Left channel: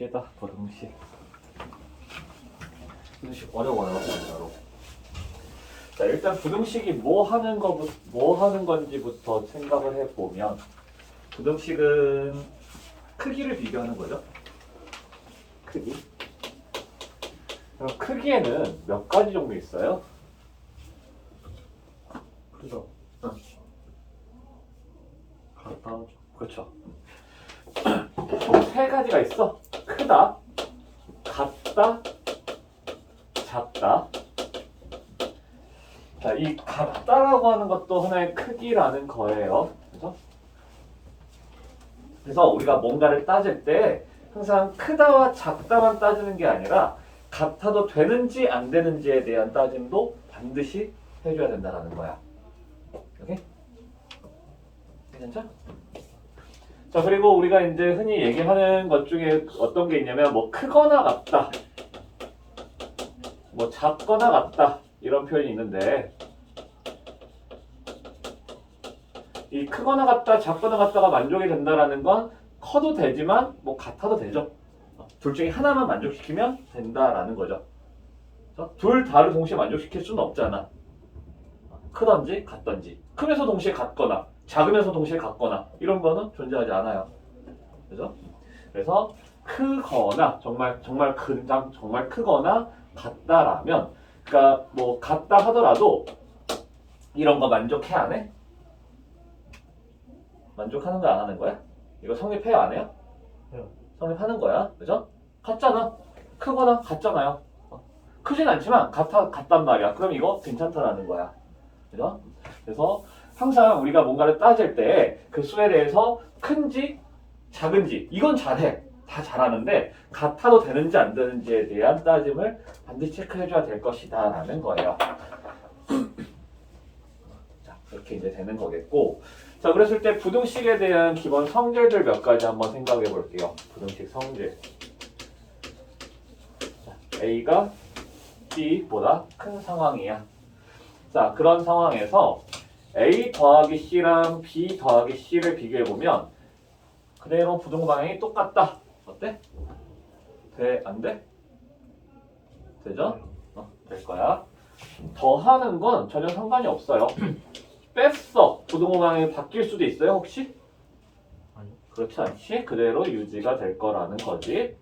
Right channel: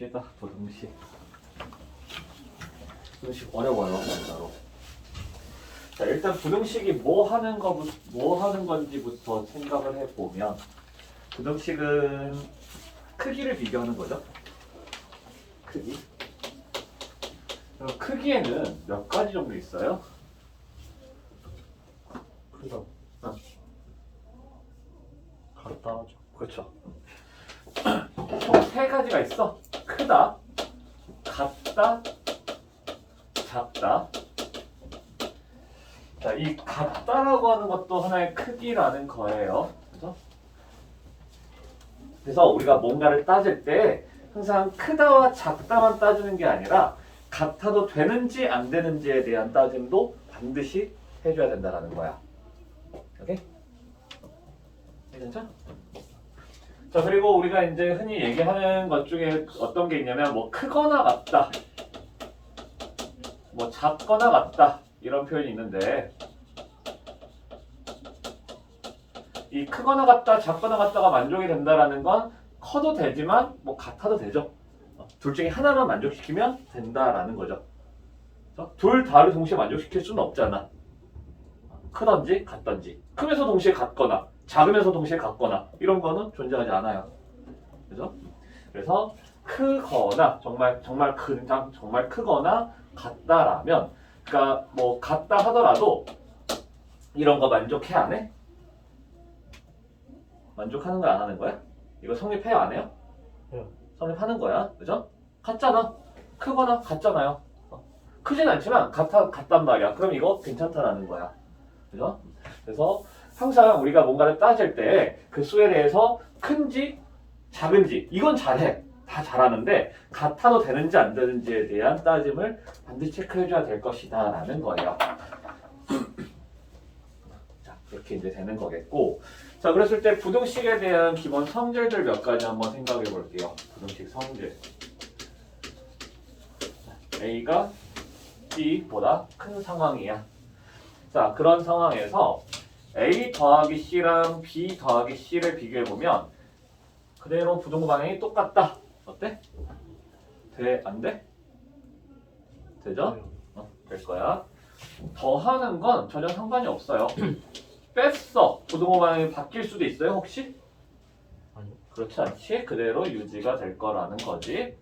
봅시다. 부등식. 부등식 어려워요, 진짜로. 자, 일단 부등식이 뭐 하는 건지부터 생각을 해보면, 부등식은 크기를 비교하는 거죠. 크기. 그럼 크기에는 몇 가지 정도 있어요? 이거 응. 갖다 그렇죠. 총 세 가지가 있어. 크다, 같다, 작다. 자, 이 같다라고 하는 것도 하나의 크기라는 거예요. 그죠? 그래서 우리가 뭔가를 따질 때 항상 크다와 작다만 따지는 게 아니라 같아도 되는지 안 되는지에 대한 따짐도 반드시 해줘야 된다는 거야. 오케이? 괜찮죠? 자, 그리고 우리가 이제 흔히 얘기하는 것 중에 어떤 게 있냐면 뭐 크거나 같다, 뭐 작거나 같다 이런 표현이 있는데, 이 크거나 같다, 작거나 같다가 만족이 된다라는 건 커도 되지만 뭐 같아도 되죠. 둘 중에 하나만 만족시키면 된다라는 거죠. 둘 다를 동시에 만족시킬 수는 없잖아. 크던지 같던지, 크면서 동시에 같거나 작으면서 동시에 같거나 이런 거는 존재하지 않아요. 그래서 크거나 정말 크거나 같다라면, 그러니까 뭐 같다 하더라도 이런 거 만족해 안 해? 만족하는 거 안 하는 거야? 이거 성립해요 안 해요? 해요. 성립하는 거야, 그죠? 같잖아. 크거나 같잖아요. 크진 않지만 같단 말이야. 그럼 이거 괜찮다라는 거야, 그죠? 그래서 항상 우리가 뭔가를 따질 때 그 수에 대해서 큰지 작은지 이건 잘해. 다 잘하는데 같아도 되는지 안 되는지에 대한 따짐을 반드시 체크해줘야 될 것이다 라는 거예요. 자, 그렇게 이제 되는 거겠고, 자, 그랬을 때 부등식에 대한 기본 성질들 몇 가지 한번 생각해 볼게요. 부등식 성질. A가 B보다 큰 상황이야. 자, 그런 상황에서 A 더하기 C랑 B 더하기 C를 비교해보면 그대로 부등호 방향이 똑같다. 어때? 돼? 안 돼? 되죠? 될 거야. 더하는 건 전혀 상관이 없어요. 뺐어. 부등호 방향이 바뀔 수도 있어요, 혹시? 아니요. 그렇지 않지? 그대로 유지가 될 거라는 거지.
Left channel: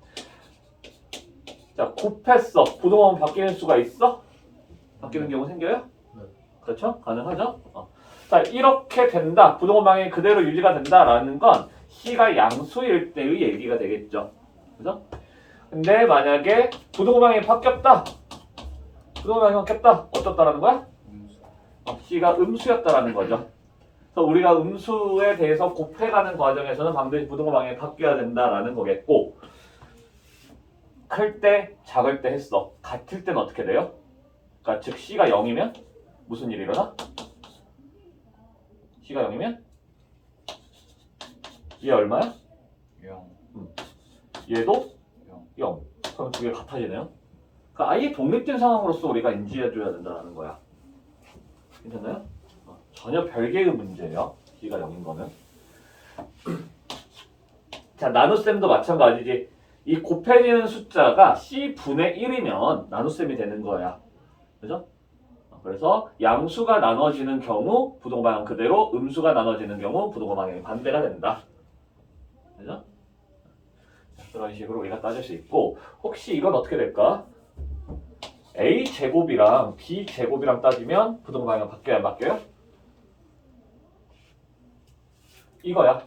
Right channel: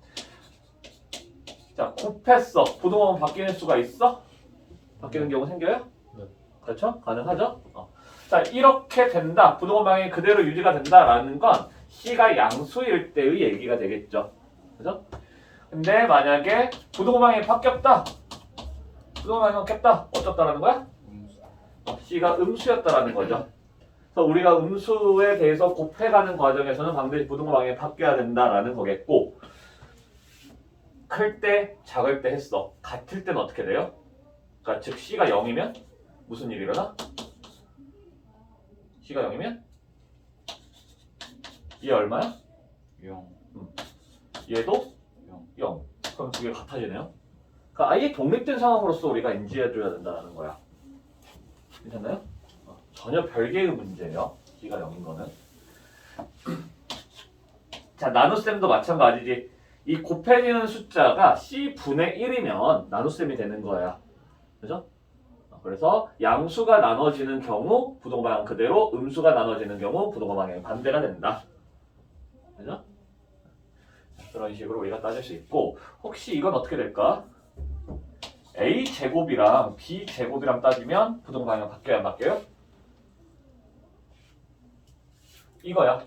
자, 곱했어. 부등호 방향 바뀌는 수가 있어? 바뀌는 경우 생겨요? 네. 그렇죠? 가능하죠? 자, 이렇게 된다. 부등호 방향이 그대로 유지가 된다라는 건 C가 양수일 때의 얘기가 되겠죠. 그죠? 근데 만약에 부등호 방향이 바뀌었다. 부등호 방향이 바뀌었다. 어떻다라는 거야? C가 음수였다라는 거죠. 그래서 우리가 음수에 대해서 곱해가는 과정에서는 반드시 부등호 방향이 바뀌어야 된다라는 거겠고, 클 때, 작을 때 했어. 같을 때는 어떻게 돼요? 그러니까 즉 C가 0이면 무슨 일이 일어나? C가 0이면 얘 얼마야? 0. 얘도 0. 그럼 두 개 같아지네요. 그러니까 아예 독립된 상황으로서 우리가 인지해줘야 된다는 거야. 괜찮나요? 전혀 별개의 문제예요. C가 0인 거는. 자, 나눗셈도 마찬가지지. 이 곱해지는 숫자가 C분의 1이면 나눗셈이 되는 거야. 그죠? 그래서 양수가 나눠지는 경우 부등호 방향 그대로, 음수가 나눠지는 경우 부등호 방향이 반대가 된다. 그죠? 그런 식으로 우리가 따질 수 있고, 혹시 이건 어떻게 될까? A 제곱이랑 B 제곱이랑 따지면 부등호 방향 바뀌어요, 안 바뀌어요? 이거야.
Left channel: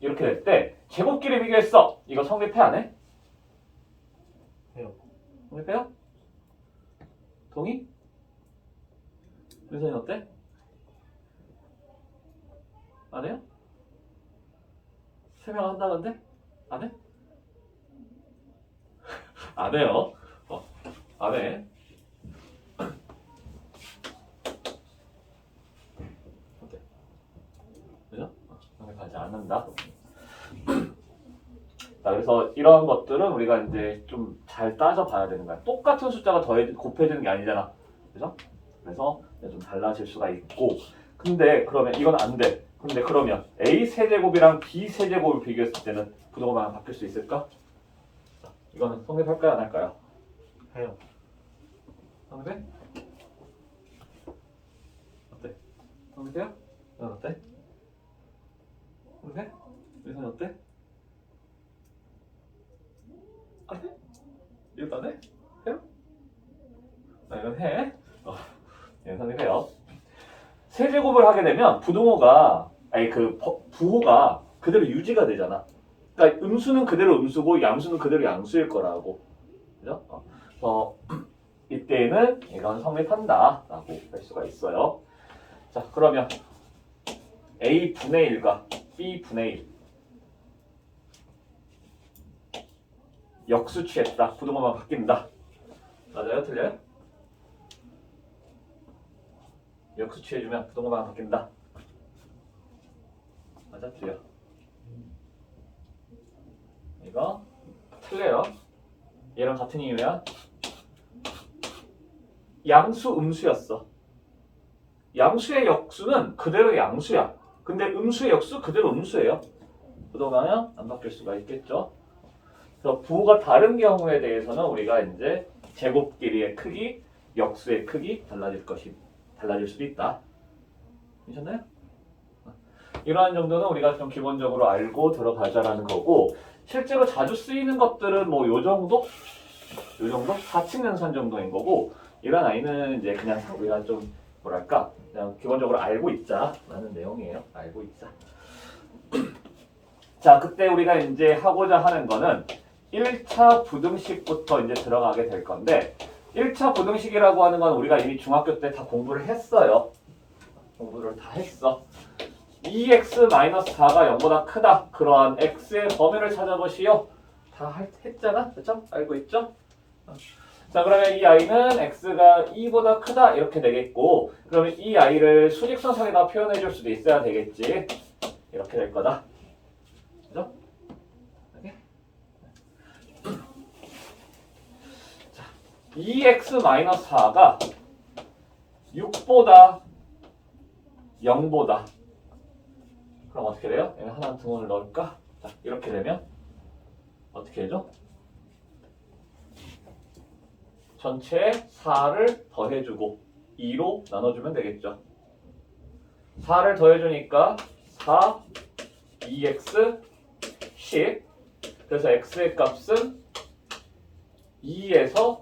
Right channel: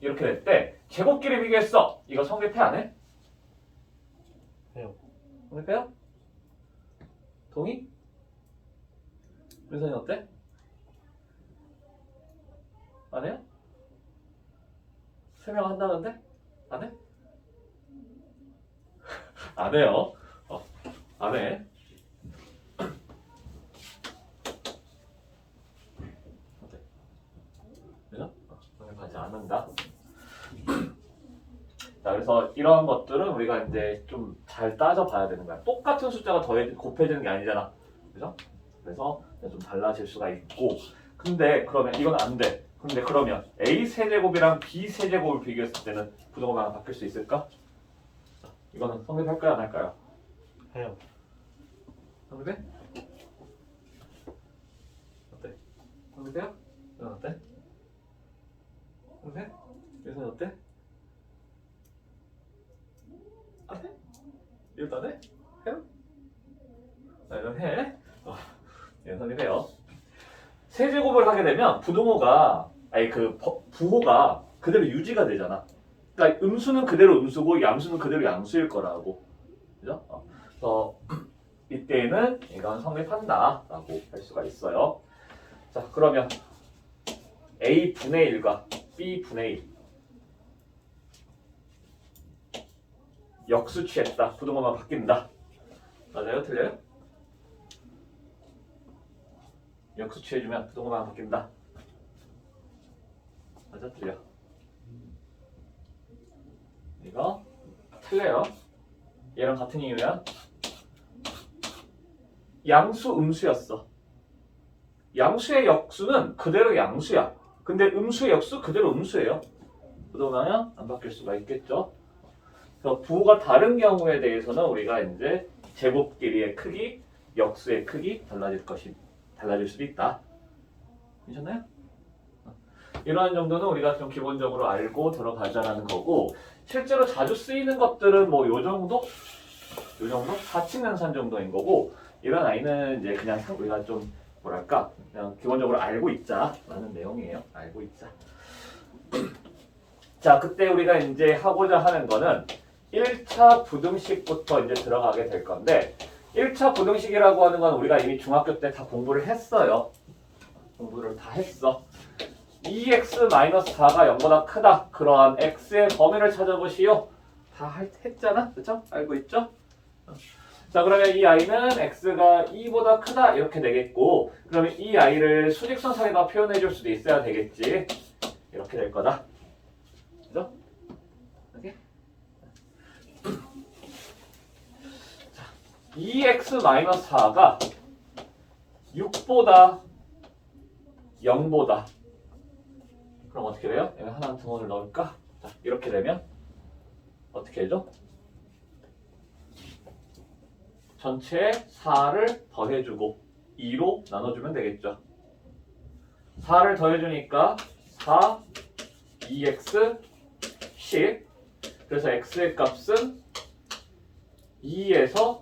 이렇게 될 때 제곱끼리 비교했어. 이거 성립해 안 해? 해요. 성립해요? 동의? 윤선이 어때? 안 해요? 설명한다는데? 안 해? 안 해요. 안 해. 어때? 그죠? 성립하지 않는다. 자, 그래서 이러한 것들은 우리가 이제 좀 잘 따져봐야 되는 거야. 똑같은 숫자가 곱해지는 게 아니잖아. 그죠? 그래서 좀 달라질 수가 있고, 근데 그러면 이건 안 돼. 근데 그러면 A 세제곱이랑 B 세제곱을 비교했을 때는 부등호 방향 바뀔 수 있을까? 이거는 성립할까요 안 할까요? 해요. 성립해? 어때? 성립해요? 이건 어때? 성립해? 이건 어때? 안 해? 이것도 안 해? 해요? 이건 해. 네, 성립해요. 세제곱을 하게 되면 부등호가 아니 그 부호가 그대로 유지가 되잖아. 그러니까 음수는 그대로 음수고 양수는 그대로 양수일 거라고. 그죠? 그래서 이때는 이건 성립한다라고 할 수가 있어요. 자, 그러면 A분의 1과 B분의 1 역수 취했다. 부등호만 바뀐다. 맞아요? 틀려요? 역수 취해주면 부등호만 바뀐다. 맞아? 틀려? 이거 틀려요. 얘랑 같은 이유야. 양수 음수였어. 양수의 역수는 그대로 양수야. 근데 음수의 역수 그대로 음수예요. 그러면 안 바뀔 수가 있겠죠. 그래서 부호가 다른 경우에 대해서는 우리가 이제 제곱끼리의 크기, 역수의 크기 달라질 수도 있다. 괜찮나요? 이러한 정도는 우리가 좀 기본적으로 알고 들어가자라는 거고, 실제로 자주 쓰이는 것들은 뭐 요 정도? 4층 연산 정도인 거고, 이런 아이는 이제 그냥 우리가 좀 뭐랄까 그냥 기본적으로 알고 있자라는 내용이에요. 알고 있자. 자, 그때 우리가 이제 하고자 하는 거는 1차 부등식부터 이제 들어가게 될 건데, 1차 부등식이라고 하는 건 우리가 이미 중학교 때 다 공부를 했어요. 공부를 다 했어. 2x-4가 0보다 크다. 그러한 x의 범위를 찾아보시오. 다 했잖아. 그쵸? 알고 있죠? 자, 그러면 이 아이는 x가 2보다 크다 이렇게 되겠고, 그러면 이 아이를 수직선상에다 표현해 줄 수도 있어야 되겠지. 이렇게 될 거다. 그죠? 이렇게. 자, 2x-4가 6보다 0보다, 그럼 어떻게 돼요? 얘는 하나 등원을 넣을까? 자, 이렇게 되면 어떻게 해줘? 전체에 4를 더해주고 2로 나눠주면 되겠죠. 4를 더해주니까 4, 2x, 10. 그래서 x의 값은 2에서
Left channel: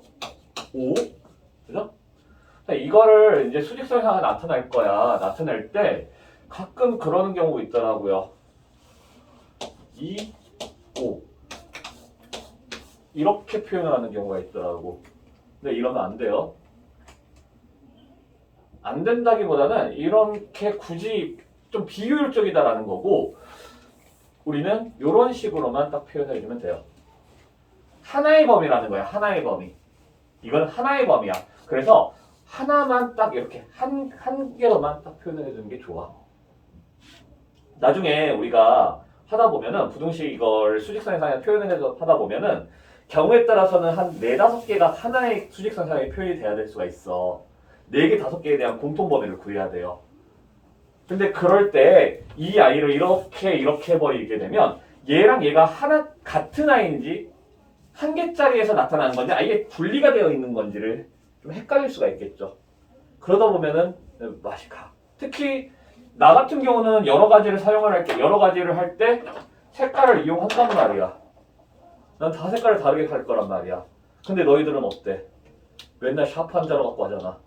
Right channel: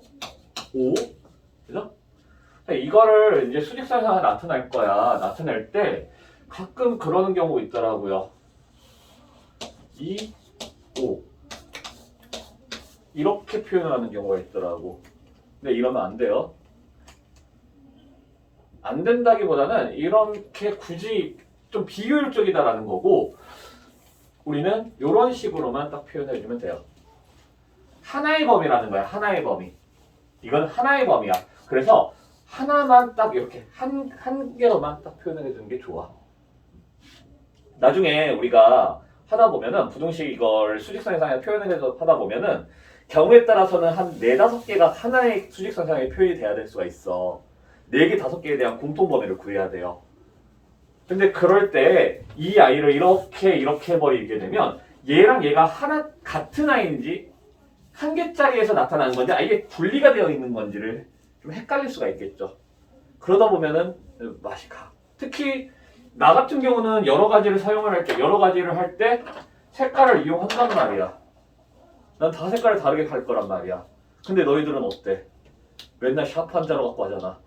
5. 그죠? 이거를 이제 수직선상에 나타낼 거야. 나타낼 때 가끔 그러는 경우 있더라고요. 2, 5 이렇게 표현을 하는 경우가 있더라고. 근데 이러면 안 돼요. 안 된다기보다는 이렇게 굳이 좀 비효율적이다라는 거고, 우리는 이런 식으로만 딱 표현해 주면 돼요. 하나의 범위라는 거야. 하나의 범위. 이건 하나의 범위야. 그래서 하나만 딱 이렇게 한 개로만 딱 표현해 주는 게 좋아. 나중에 우리가 하다 보면은 부등식 이걸 수직선상에 표현해서 하다 보면은 경우에 따라서는 한 4, 5개가 하나의 수직선상에 표현이 돼야 될 수가 있어. 4개, 5개에 대한 공통 범위를 구해야 돼요. 근데 그럴 때 이 아이를 이렇게 해버리게 되면 얘랑 얘가 하나 같은 아이인지 한 개짜리에서 나타나는 건지 아예 분리가 되어 있는 건지를 좀 헷갈릴 수가 있겠죠. 그러다 보면은 맛이 가. 특히 나 같은 경우는 여러 가지를 사용을 할 때, 여러 가지를 할 때 색깔을 이용한단 말이야. 난 다 색깔을 다르게 할 거란 말이야. 근데 너희들은 어때? 맨날 샤프 한 자로 갖고 하잖아.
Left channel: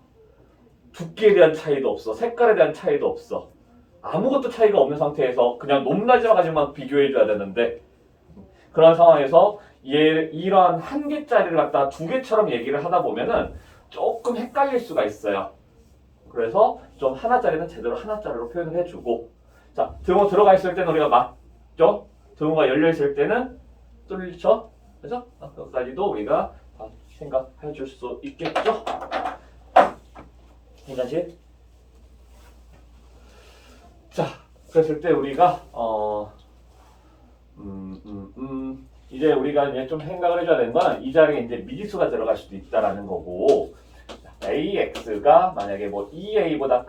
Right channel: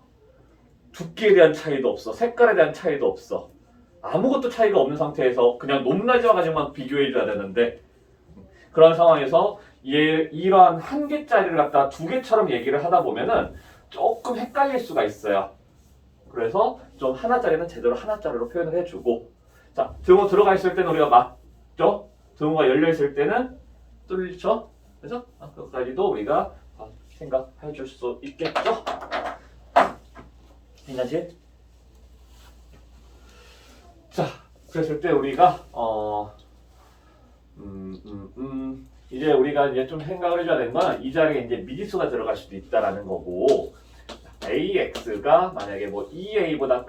두께에 대한 차이도 없어. 색깔에 대한 차이도 없어. 아무것도 차이가 없는 상태에서 그냥 높낮이와 가지만 비교해 줘야 되는데, 그런 상황에서 이러한 한 개짜리를 갖다가 2개처럼 얘기를 하다 보면은 조금 헷갈릴 수가 있어요. 그래서 좀 하나짜리는 제대로 하나짜리로 표현을 해주고, 자, 등호 들어가 있을 때는 우리가 맞죠? 등호가 열려 있을 때는 뚫리죠? 그래서 그것까지도 우리가 다 생각해 줄 수 있겠죠? 괜찮지? 자, 그랬을 때 우리가 이제 우리가 이제 좀 생각을 해줘야 되는 거는 이 자리에 이제 미지수가 들어갈 수도 있다라는 거고, AX가 만약에 뭐 2A보다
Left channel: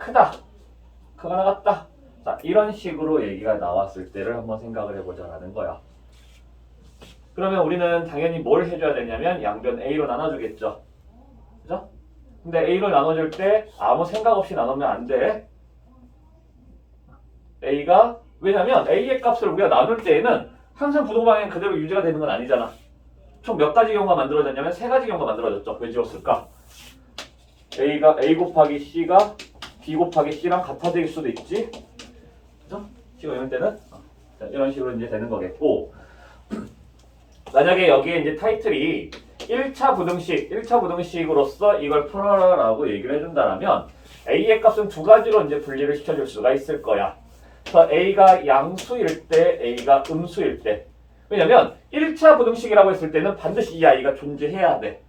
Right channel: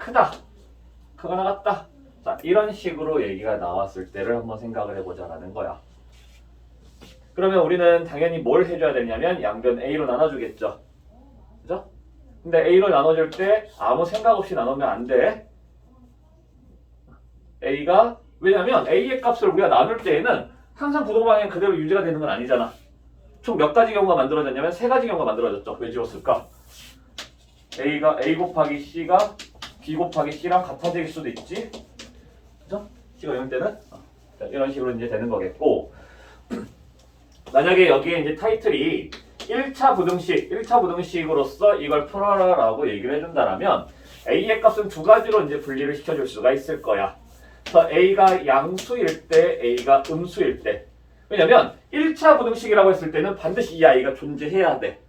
크거나 같다. 자, 이런 식으로 얘기가 나왔을 때를 한번 생각을 해보자라는 거야. 그러면 우리는 당연히 뭘 해줘야 되냐면 양변 A로 나눠주겠죠. 그죠? 근데 A로 나눠줄 때 아무 생각 없이 나누면 안 돼. A가 왜냐면 A의 값을 우리가 나눌 때에는 항상 부동방향이 그대로 유지가 되는 건 아니잖아. 총 몇 가지 경우가 만들어졌냐면 세 가지 경우가 만들어졌죠. 왜 지웠을까? A가 A 곱하기 C가 B 곱하기 C랑 같아질 수도 있지. 그죠? C가 0일 때는 이런 식으로 이제 되는 거겠고, 만약에 여기에 이제 타이틀이 1차 부등식으로서 이걸 풀어라라고 얘기를 해준다라면 A의 값은 두 가지로 이제 분리를 시켜줄 수가 있을 거야. 그래서 A가 양수일 때, A가 음수일 때. 왜냐면 1차 부등식이라고 했을 때는 반드시 이 A가 존재해야 돼.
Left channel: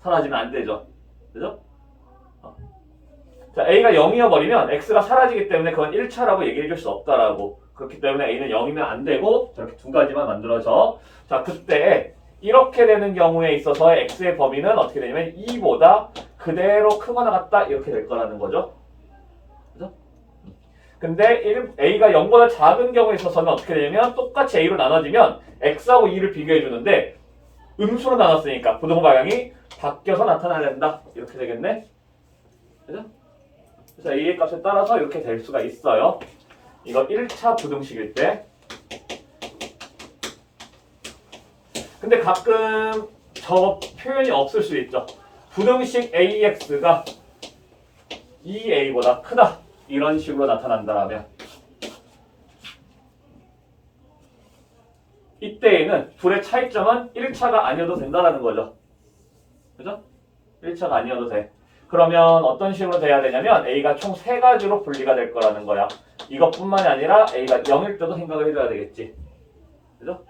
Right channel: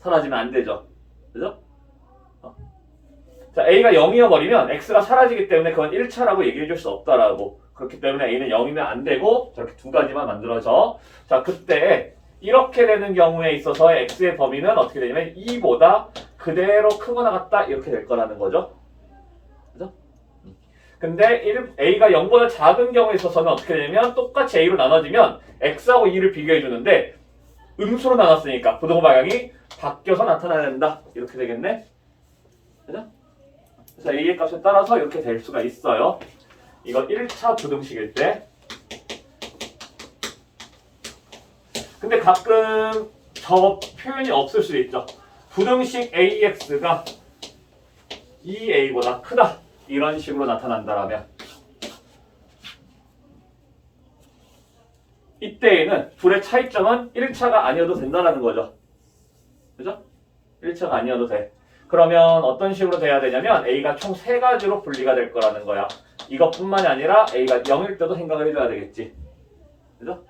사라지면 안 되죠. 그죠? 자, A가 0이어 버리면 X가 사라지기 때문에 그건 1차라고 얘기해 줄 수 없다라고. 그렇기 때문에 A는 0이면 안 되고 저렇게 두 가지만 만들어져. 자, 그때 이렇게 되는 경우에 있어서 X의 범위는 어떻게 되냐면 2보다 그대로 크거나 같다 이렇게 될 거라는 거죠. 그죠? 근데 A가 0보다 작은 경우에 있어서는 어떻게 되냐면 똑같이 A로 나눠지면 X하고 2를 비교해 주는데 음수로 나눴으니까 부동 방향이 바뀌어서 나타나야 된다. 이렇게 되겠네. 그죠? 그래서 A의 값에 따라서 이렇게 될 수가 있어요. 이거 1차 부등식일 때. 근데 가끔 저 표현이 없을 수도 있죠. 부등식 AX가 2A보다 크다. 이런 식으로 나타난다라면 이때에는 둘의 차이점은 1차가 아니어도 된다는 거죠. 그죠? 1차가 아니어도 돼. 그러면 어떤 식으로 돼야 되냐면 A가 총 3가지로 분리가 될 거라는 거야. 이것뿐만이 아니라 A가 0일 때도 생각을 해줘야 되겠지. 그죠?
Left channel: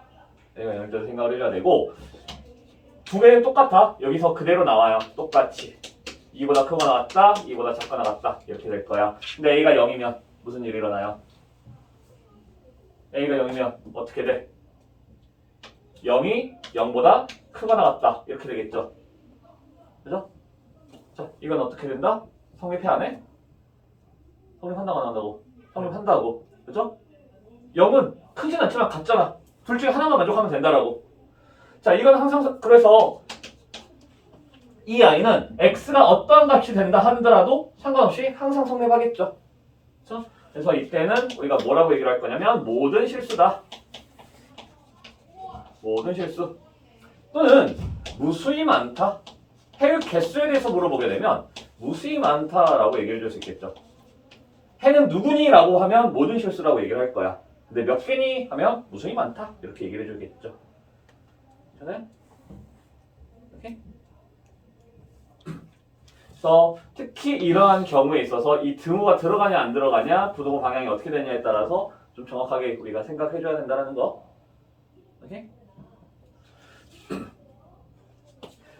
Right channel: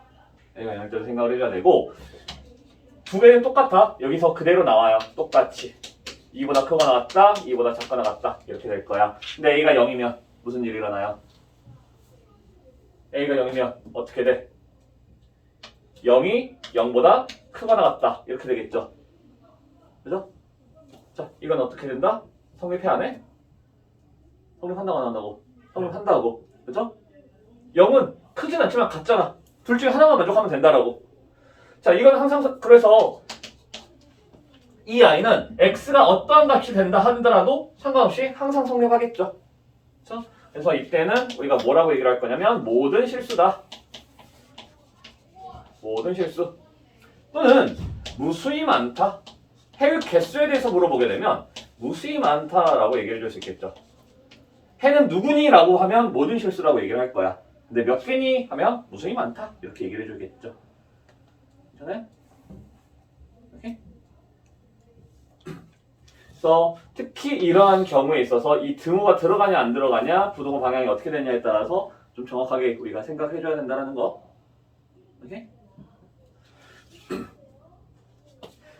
A가 0일 때도 생각을 해줘야 되고 두 개는 똑같아. 여기서 그대로 나와요. 똑같이. 2보다 크거나 같다, 2보다 작거나 같다. 이렇게 될 거야. 근데 A가 0이면 무슨 일이 일어나요? A가 0이면 어떻게 돼? 0이 0보다 크거나 같다. 이렇게 되겠죠. 그죠? 자, 이건 어떻게 된다? 성립해 안 해? 성립한다고 안 한다고? 성립한다고. 그죠? 0은 크진 않지만 같잖아. 둘 중에 하나만 만족하면 된다라고. 자, 이건 항상 그래서 이 아이는 x가 어떠한 값이 된다 하더라도 상관없이 항상 성립하겠죠. 그렇죠? 그래서 이때는 우리가 뭐라고 얘기를 할 거냐면 모든 실수다. 모든 실수. 또는 무수히 많다. 해의 개수에 대해서 물어보게 되면 무수히 많다라고 얘기를 해줄 수 있겠죠. 해는 누구니? 라고 하면 모든 실수라고 얘기를 할 거야. 근데 몇 개니? 하면 무수히 많다. 이렇게 얘기를 해주겠죠. 괜찮아요? 이렇게? 그래서 특히 이러한 경우에 있어서 이 등호가 들어가냐 안 들어가냐 부동호 방향이 어떻게 되냐에 따라서 좀 정확하게 우리가 생각해 줘야 된다는 거. 오케이?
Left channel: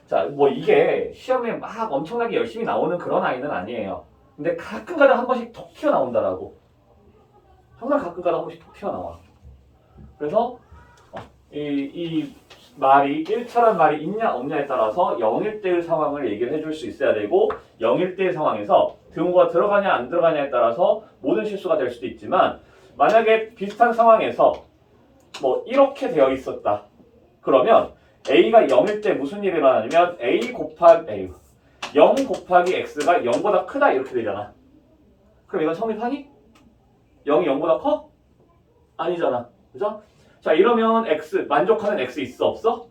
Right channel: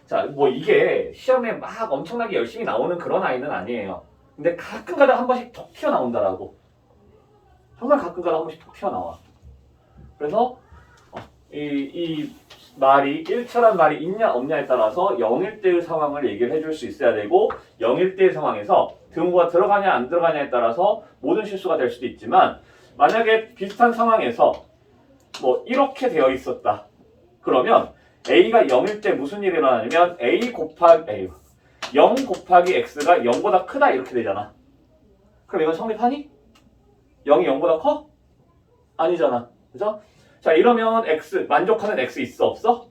자, 뭐 이게 시험에 막 엄청나게 열심히 나오는 그런 아이는 아니에요. 근데 가끔가다 한 번씩 톡 튀어나온다라고. 정말 가끔가다 한 번씩 톡 튀어나와. 그래서 이 말이 1차란 말이 있냐 없냐에 따라서 0일 때의 상황을 얘기를 해줄 수 있어야 되고 0일 때의 상황에서 등호가 들어가냐 안 들어가냐에 따라서 모든 실수가 될 수도 있지만 만약에 비슷한 상황에서 뭐 이렇게 되어 있었다. 그러면 A가 0일 때 무슨 일이 일어나냐면 A 곱하기 A 0 곱하기 X가 0보다 크다 이렇게 되잖아. 그럼 이건 성립하니? 0이 0보다 커? 아니잖아. 그죠? 자, 이러면 X, 만족하는 X 있어? 없어?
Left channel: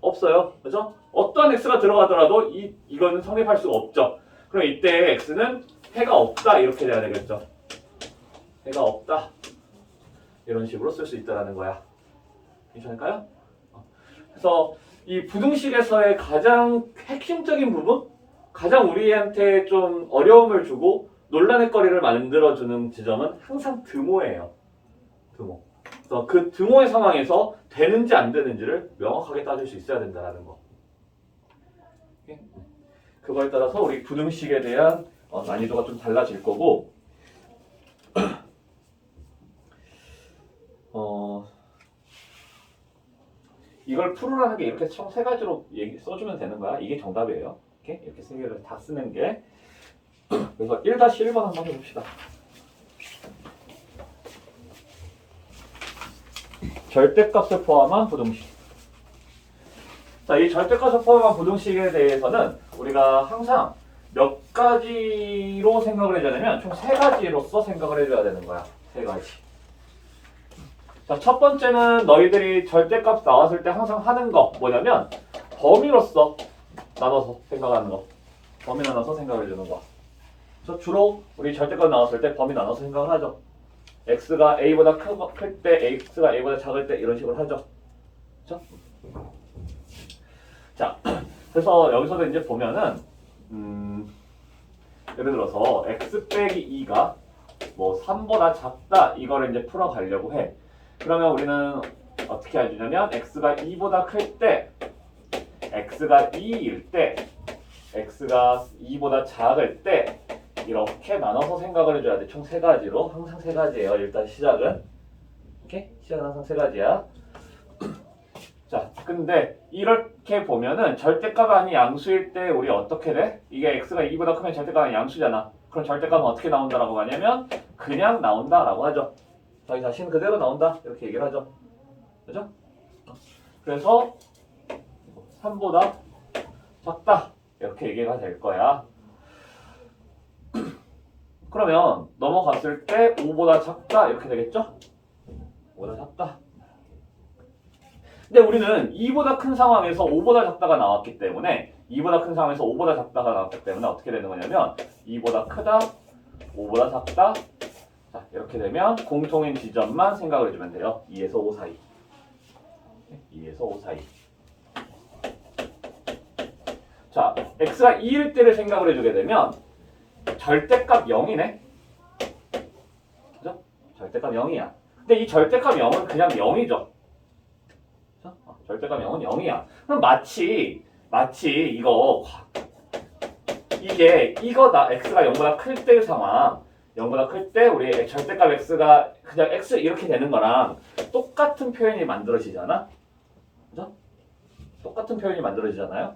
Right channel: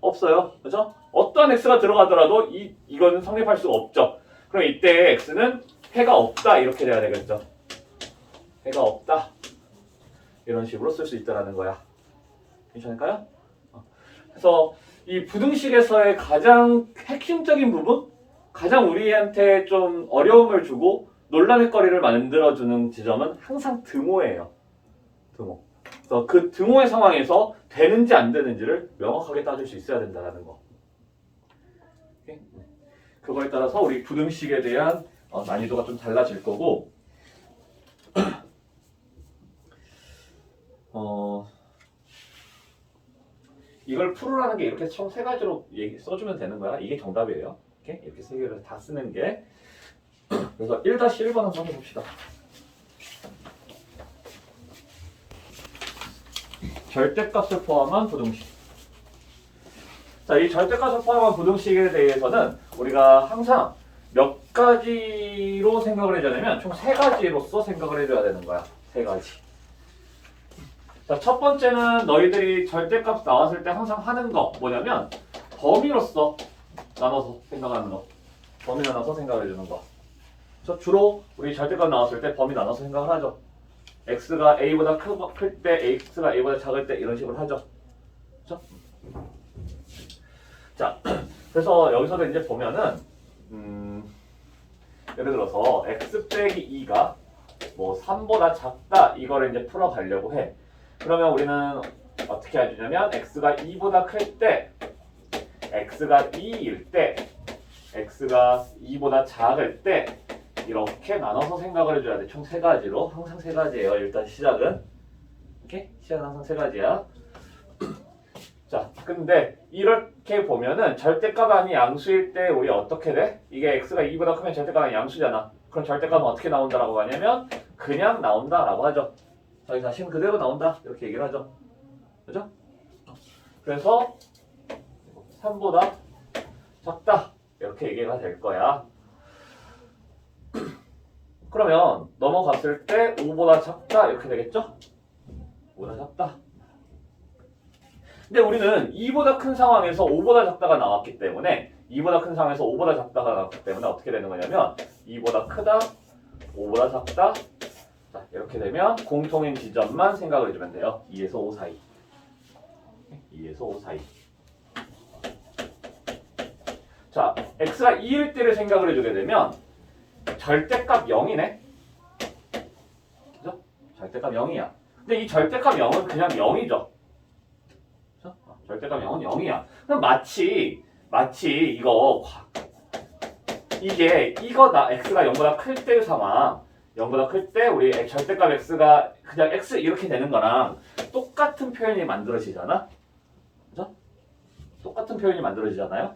없어요. 그죠? 어떤 X가 들어가더라도 이거는 성립할 수가 없죠. 그럼 이때 X는 해가 없다. 이렇게 돼야 되겠죠. 해가 없다. 이런 식으로 쓸 수 있다는 거야. 괜찮을까요? 그래서 이 부등식에서의 가장 핵심적인 부분, 가장 우리한테 좀 어려움을 주고 논란의 거리를 만들어주는 지점은 항상 등호예요. 등호. 그래서 그 등호의 상황에서 되는지 안 되는지를 명확하게 따질 수 있어야 된다는 거. 오케이? 그거에 따라서 우리 부등식에 대한 난이도가 좀 달라질 거고 이걸 풀으라는 게 이렇게 총 3가지로 써주면 되는 거야. 이게 정답이에요. 이렇게 3개를 다 쓰는 게. 그래서 1-1번 한번 해봅시다. 절대값을 포함한 부등식. 자, 이 절대값을 포함한 부등식에 대해서는 우리가 항상 몇 가지로 생각을 해줘야 되면 총 세 가지로서 생각을 해줘야 되는 거야. 세 가지. 자, 첫 번째는 너희들이 절대값 나왔을 때 항상 하는 거 뭐냐면 범위로서 나눠서 생각하는 거. 범위 나눠서 생각을 해주는 거. 그래서 주로 우리 절대값 나왔을 때 범위 나눠서 생각을 하죠. x가 a보다 클 때, x가 a보다 작을 때 이런 식으로 하죠. 그렇죠? 자, 그래서 여기서도 이제 보면은 예를 들어서 x 빼기 2가 뭐 3보다 작다 이거를 이제 풀어가려고 해. 그러면 우리는 어떻게 해주냐면 x가 2보다 클 때, x가 2일 때, x가 2보다 작을 때 이렇게 나눠서 생각을 해줘야 돼. 총 세 가지로. 항상 세 가지예요. 일단 시작은. 오케이? 시작은 항상 세 가지야. 자, 근데 이렇게 보면은 절대값 아닌 양수일 때 우리 어떻게 돼? 이게 x가 2보다 크면 절대값 아닌 양수잖아. 그럼 절대값은 어떻게 나온다라고 하냐면 그냥 나온다라고 하죠. 자기 자신 그대로 나온다. 이렇게 얘기를 하죠. 그죠? 그래서 3보다 작다. 이렇게 얘기가 될 거야. 그러면 넘어갔을 때 5보다 작다. 이렇게 되겠죠? 5보다 작다. 근데 우리는 2보다 큰 상황에서 5보다 작다가 나왔기 때문에 2보다 큰 상황에서 5보다 작다가 나왔기 때문에 어떻게 되는 거냐면 2보다 크다, 5보다 작다. 자, 이렇게 되면 공통인 지점만 생각을 해주면 돼요. 2에서 5 사이. 2에서 5 사이. 자, x가 2일 때를 생각을 해주게 되면 절대값 0이네. 그죠? 절대값 0이야. 근데 이 절대값 0은 그냥 0이죠. 절대값 0은 0이야. 그럼 마치 이거 x가 0보다 클 때의 상황, 0보다 클 때 우리 절대값 x가 그냥 x 이렇게 되는 거랑 똑같은 표현이 만들어지잖아. 그죠? 똑같은 표현이 만들어지잖아요.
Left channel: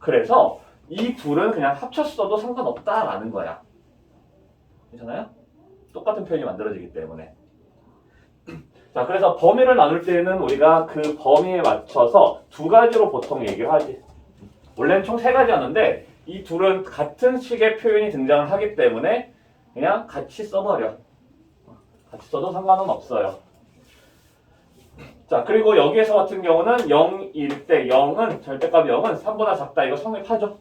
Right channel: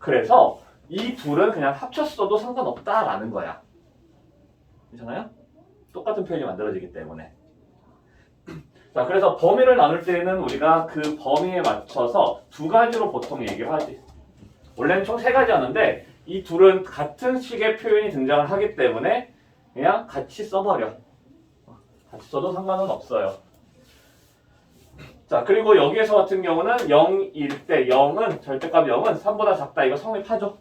그래서 이 둘은 그냥 합쳤어도 상관없다라는 거야. 괜찮아요? 똑같은 표현이 만들어지기 때문에. 자, 그래서 범위를 나눌 때는 우리가 그 범위에 맞춰서 두 가지로 보통 얘기를 하지. 원래는 총 세 가지였는데 이 둘은 같은 식의 표현이 등장을 하기 때문에 그냥 같이 써버려. 같이 써도 상관은 없어요. 자, 그리고 여기에서 같은 경우는 0일 때 0은 절대값 0은 3보다 작다. 이거 성립하죠.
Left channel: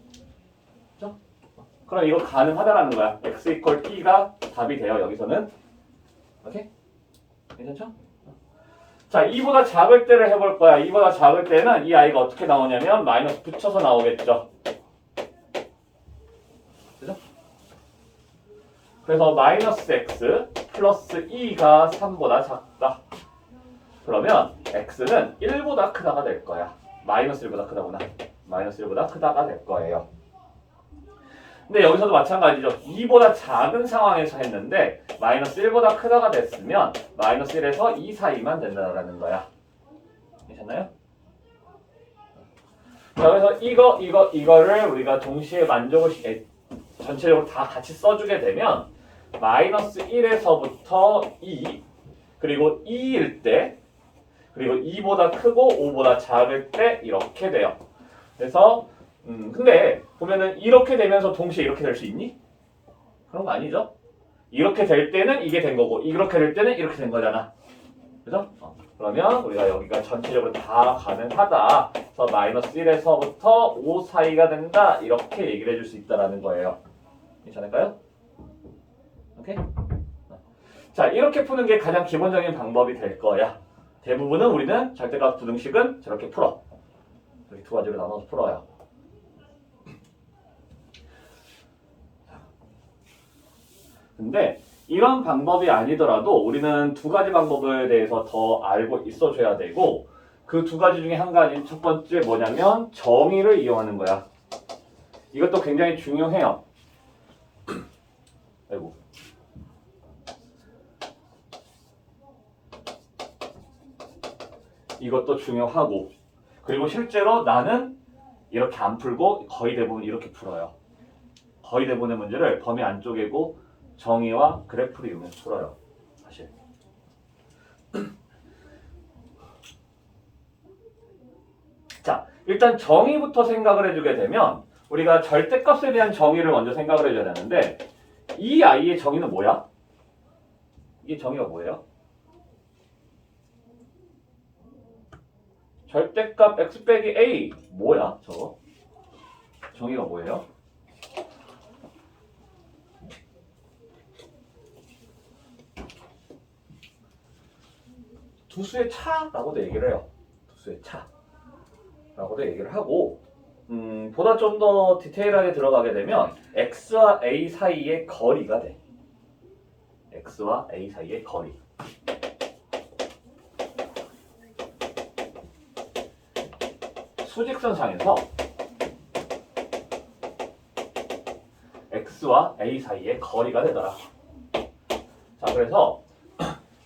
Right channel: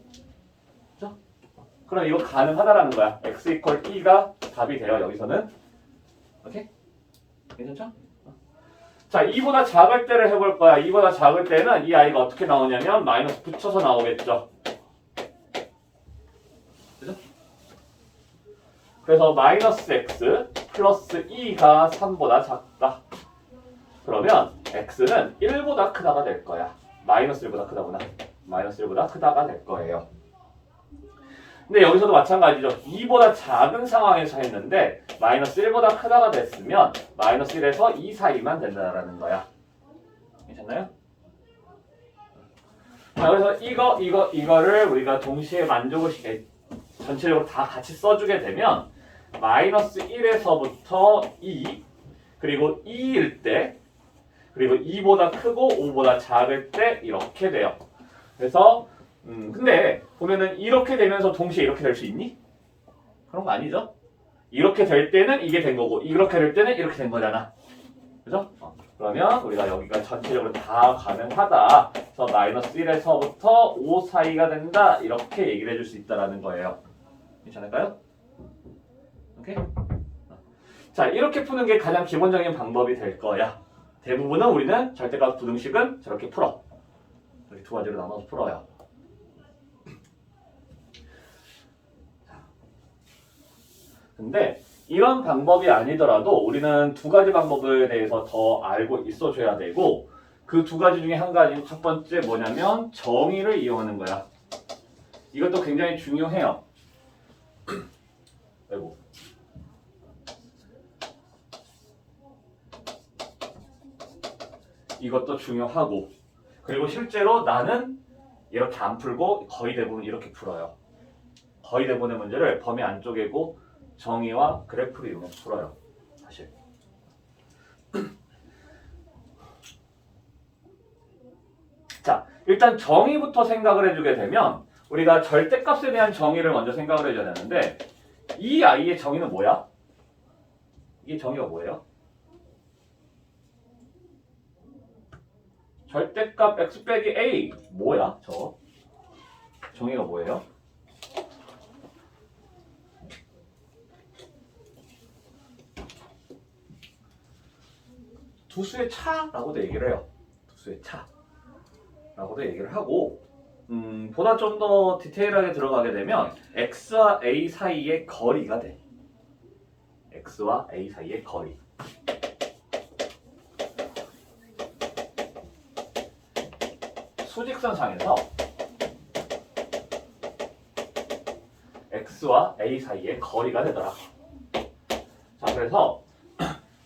그죠? 그럼 이거 가능하다라는 거야. x equal 2가 답이 돼요. 여기서는. 오케이? 괜찮죠? 자, 2보다 작을 때를 해볼 거야. 2보다 작을 때는 이 아이가 어떻게 나오냐면 마이너스 붙여서 나오겠죠. 그죠? 그래서 마이너스 x 플러스 2가 3보다 작다. 그러면 x는 1보다 크다가 될 거야. 마이너스 1보다 크다구나. 마이너스 1보다 크다가 될 거예요. 근데 여기서도 마찬가지죠. 2보다 작은 상황에서 했는데 마이너스 1보다 크다가 됐으면 마이너스 1에서 2 사이만 된다는 거야. 괜찮나요? 자, 그래서 이거를 우리가 동시에 만족을 전체적으로 다 같이 써주게 되면 마이너스 1에서부터 2 그리고 2일 때 그리고 2보다 크고 5보다 작을 때 이렇게 돼요. 그래서 근데 보면은 이렇게 되면서 동시에 이렇게 될 수 있니? 그런 거 아니죠? 이렇게 될 때는 이게 된 거고 이렇게 될 때는 이렇게 된 거잖아. 그죠? 그러면 우리가 여기가 전체적으로 다 가능하다. 그래서 마이너스 1에서부터 5 사이가 된다. 이렇게 얘기를 해줄 수 있다라는 거예요. 괜찮을까요? 오케이? 자, 이렇게 푸는 게 가장 기본적인 방법이 될 거야. 대부분은 우리는 절대값 부등식은 저렇게 풀어. 이렇게 두 가지로 나눠서 풀어요. 근데 이런 방법이 아니더라도 우리는 두 가지 방법에 대해서 더 알고 있어줘야 되고 그 두 가지 중에 한 가지 첫 번째 뭐냐면 정의를 이용하는 거야. 이것도 굉장히 중요해요. 아이고. 이것도 중요하고 그리고 실제로 나는 이렇게 안 풀고 거의 대부분 이렇게 풀어요. 거의 대부분의 문제를 범위 안 쪼개고 정의와 그래프를 이용해서 풀어요. 사실. 자, 일단 정의부터 생각을 해주게 되면 우리가 절대값에 대한 정의를 먼저 생각을 해줘야 되는데 이 i의 정의는 뭐야? 이게 정의가 뭐예요? 절대값 x 빼기 a 뭐야? 저 정의가 뭐예요? 두 수의 차라고도 얘기를 해요. 두 수의 차라고도 얘기를 하고 보다 좀 더 디테일하게 들어가게 되면 x와 a 사이의 거리가 돼. x와 a 사이의 거리. 수직선상에서 x와 a 사이의 거리가 되더라. 자, 그래서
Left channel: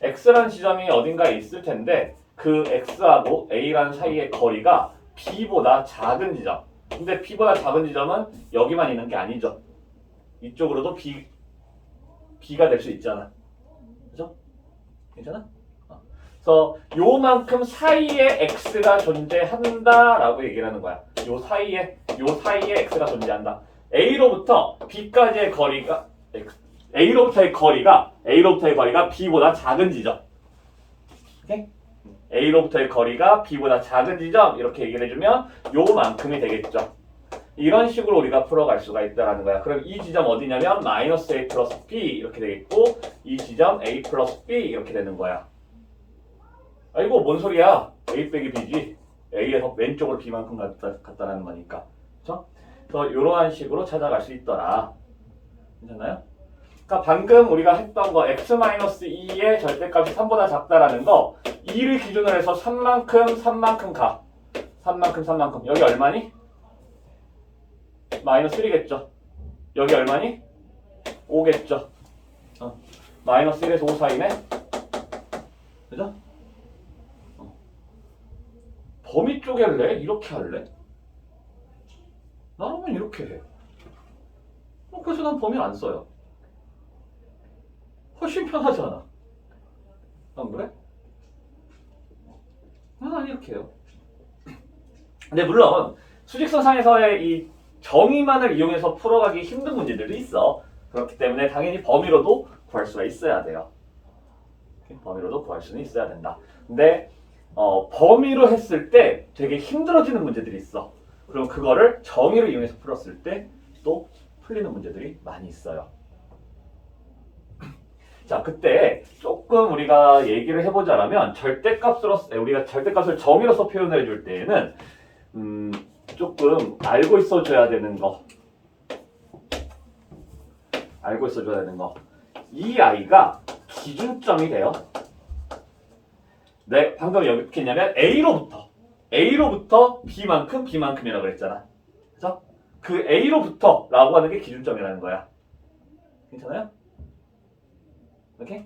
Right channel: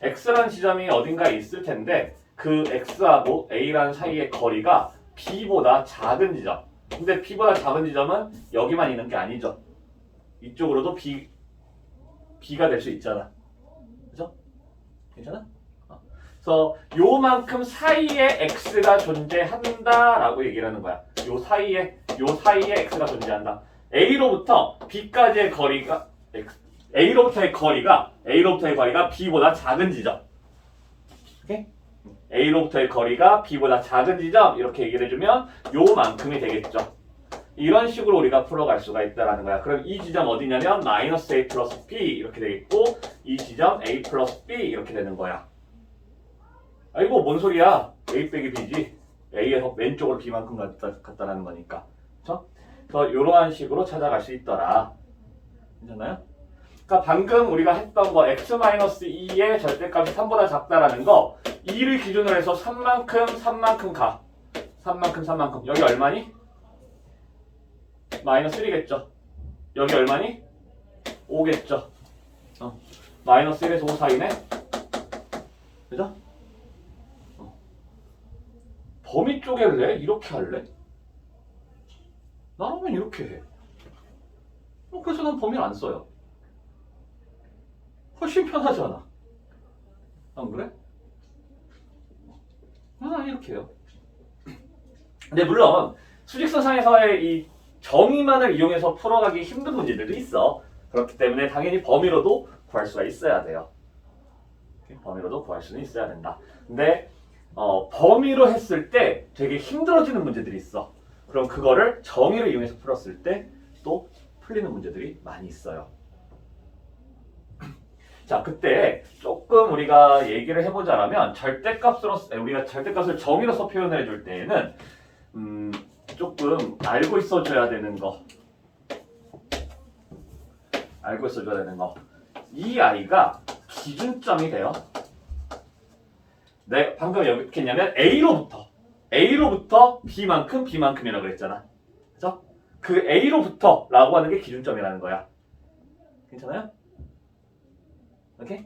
x라는 지점이 어딘가 있을 텐데 그 x하고 a라는 사이의 거리가 b보다 작은 지점. 근데 b보다 작은 지점은 여기만 있는 게 아니죠. 이쪽으로도 b가 될 수 있잖아. 그죠? 괜찮아? 그래서 요만큼 사이에 x가 존재한다라고 얘기를 하는 거야. 요 사이에 x가 존재한다. a로부터 b까지의 거리가 a로부터의 거리가 b보다 작은 지점. 오케이? a로부터의 거리가 b보다 작은 지점 이렇게 얘기를 해주면 요만큼이 되겠죠. 이런 식으로 우리가 풀어갈 수가 있다라는 거야. 그럼 이 지점 어디냐면 마이너스 a 플러스 b 이렇게 되겠고 이 지점 a 플러스 b 이렇게 되는 거야. 아이고 뭔 소리야? a 빼기 b지. a에서 왼쪽으로 b만큼 갔다라는 거니까. 그렇죠? 그래서 이러한 식으로 찾아갈 수 있더라. 괜찮나요? 그러니까 방금 우리가 했던 거 x-2의 절대값이 3보다 작다라는 거 2를 기준으로 해서 3만큼 가. 3만큼. 여기 얼마니? 마이너스 1이겠죠. 여기 얼마니? 5겠죠. 마이너스 1에서 5 사이네. 그죠? 범위 쪼갤래? 이렇게 할래? 나라면 이렇게 해. 그래서 난 범위를 안 써요. 훨씬 편하잖아. 안 그래? 난 이렇게 해요. 근데 물론 수직선상에서의 이 정의만을 이용해서 풀어가기 힘든 문제들도 있어. 그렇기 때문에 당연히 범위로도 구할 수가 있어야 돼요. 범위로도 구할 수는 있어야 된다. 근데 범위로 했을 때 되게 힘들어지는 문제들이 있어. 그럼 그거를 정의를 이용해서 풀었을 때 또 풀리는 문제들이 많이 있어요. 자, 그때 조금 우리가 얘기를 해보자면 우리가 절대값을 정의로서 표현해 줄 때에는 조금 알고 있어줘야 되는 거. 이 i가 기준점이 돼요. 네, 방금 여기 어떻게 했냐면 A로부터 B만큼이라고 그랬잖아. 그래서 그 A로부터라고 하는 게 기준점이라는 거야. 괜찮아요? 오케이?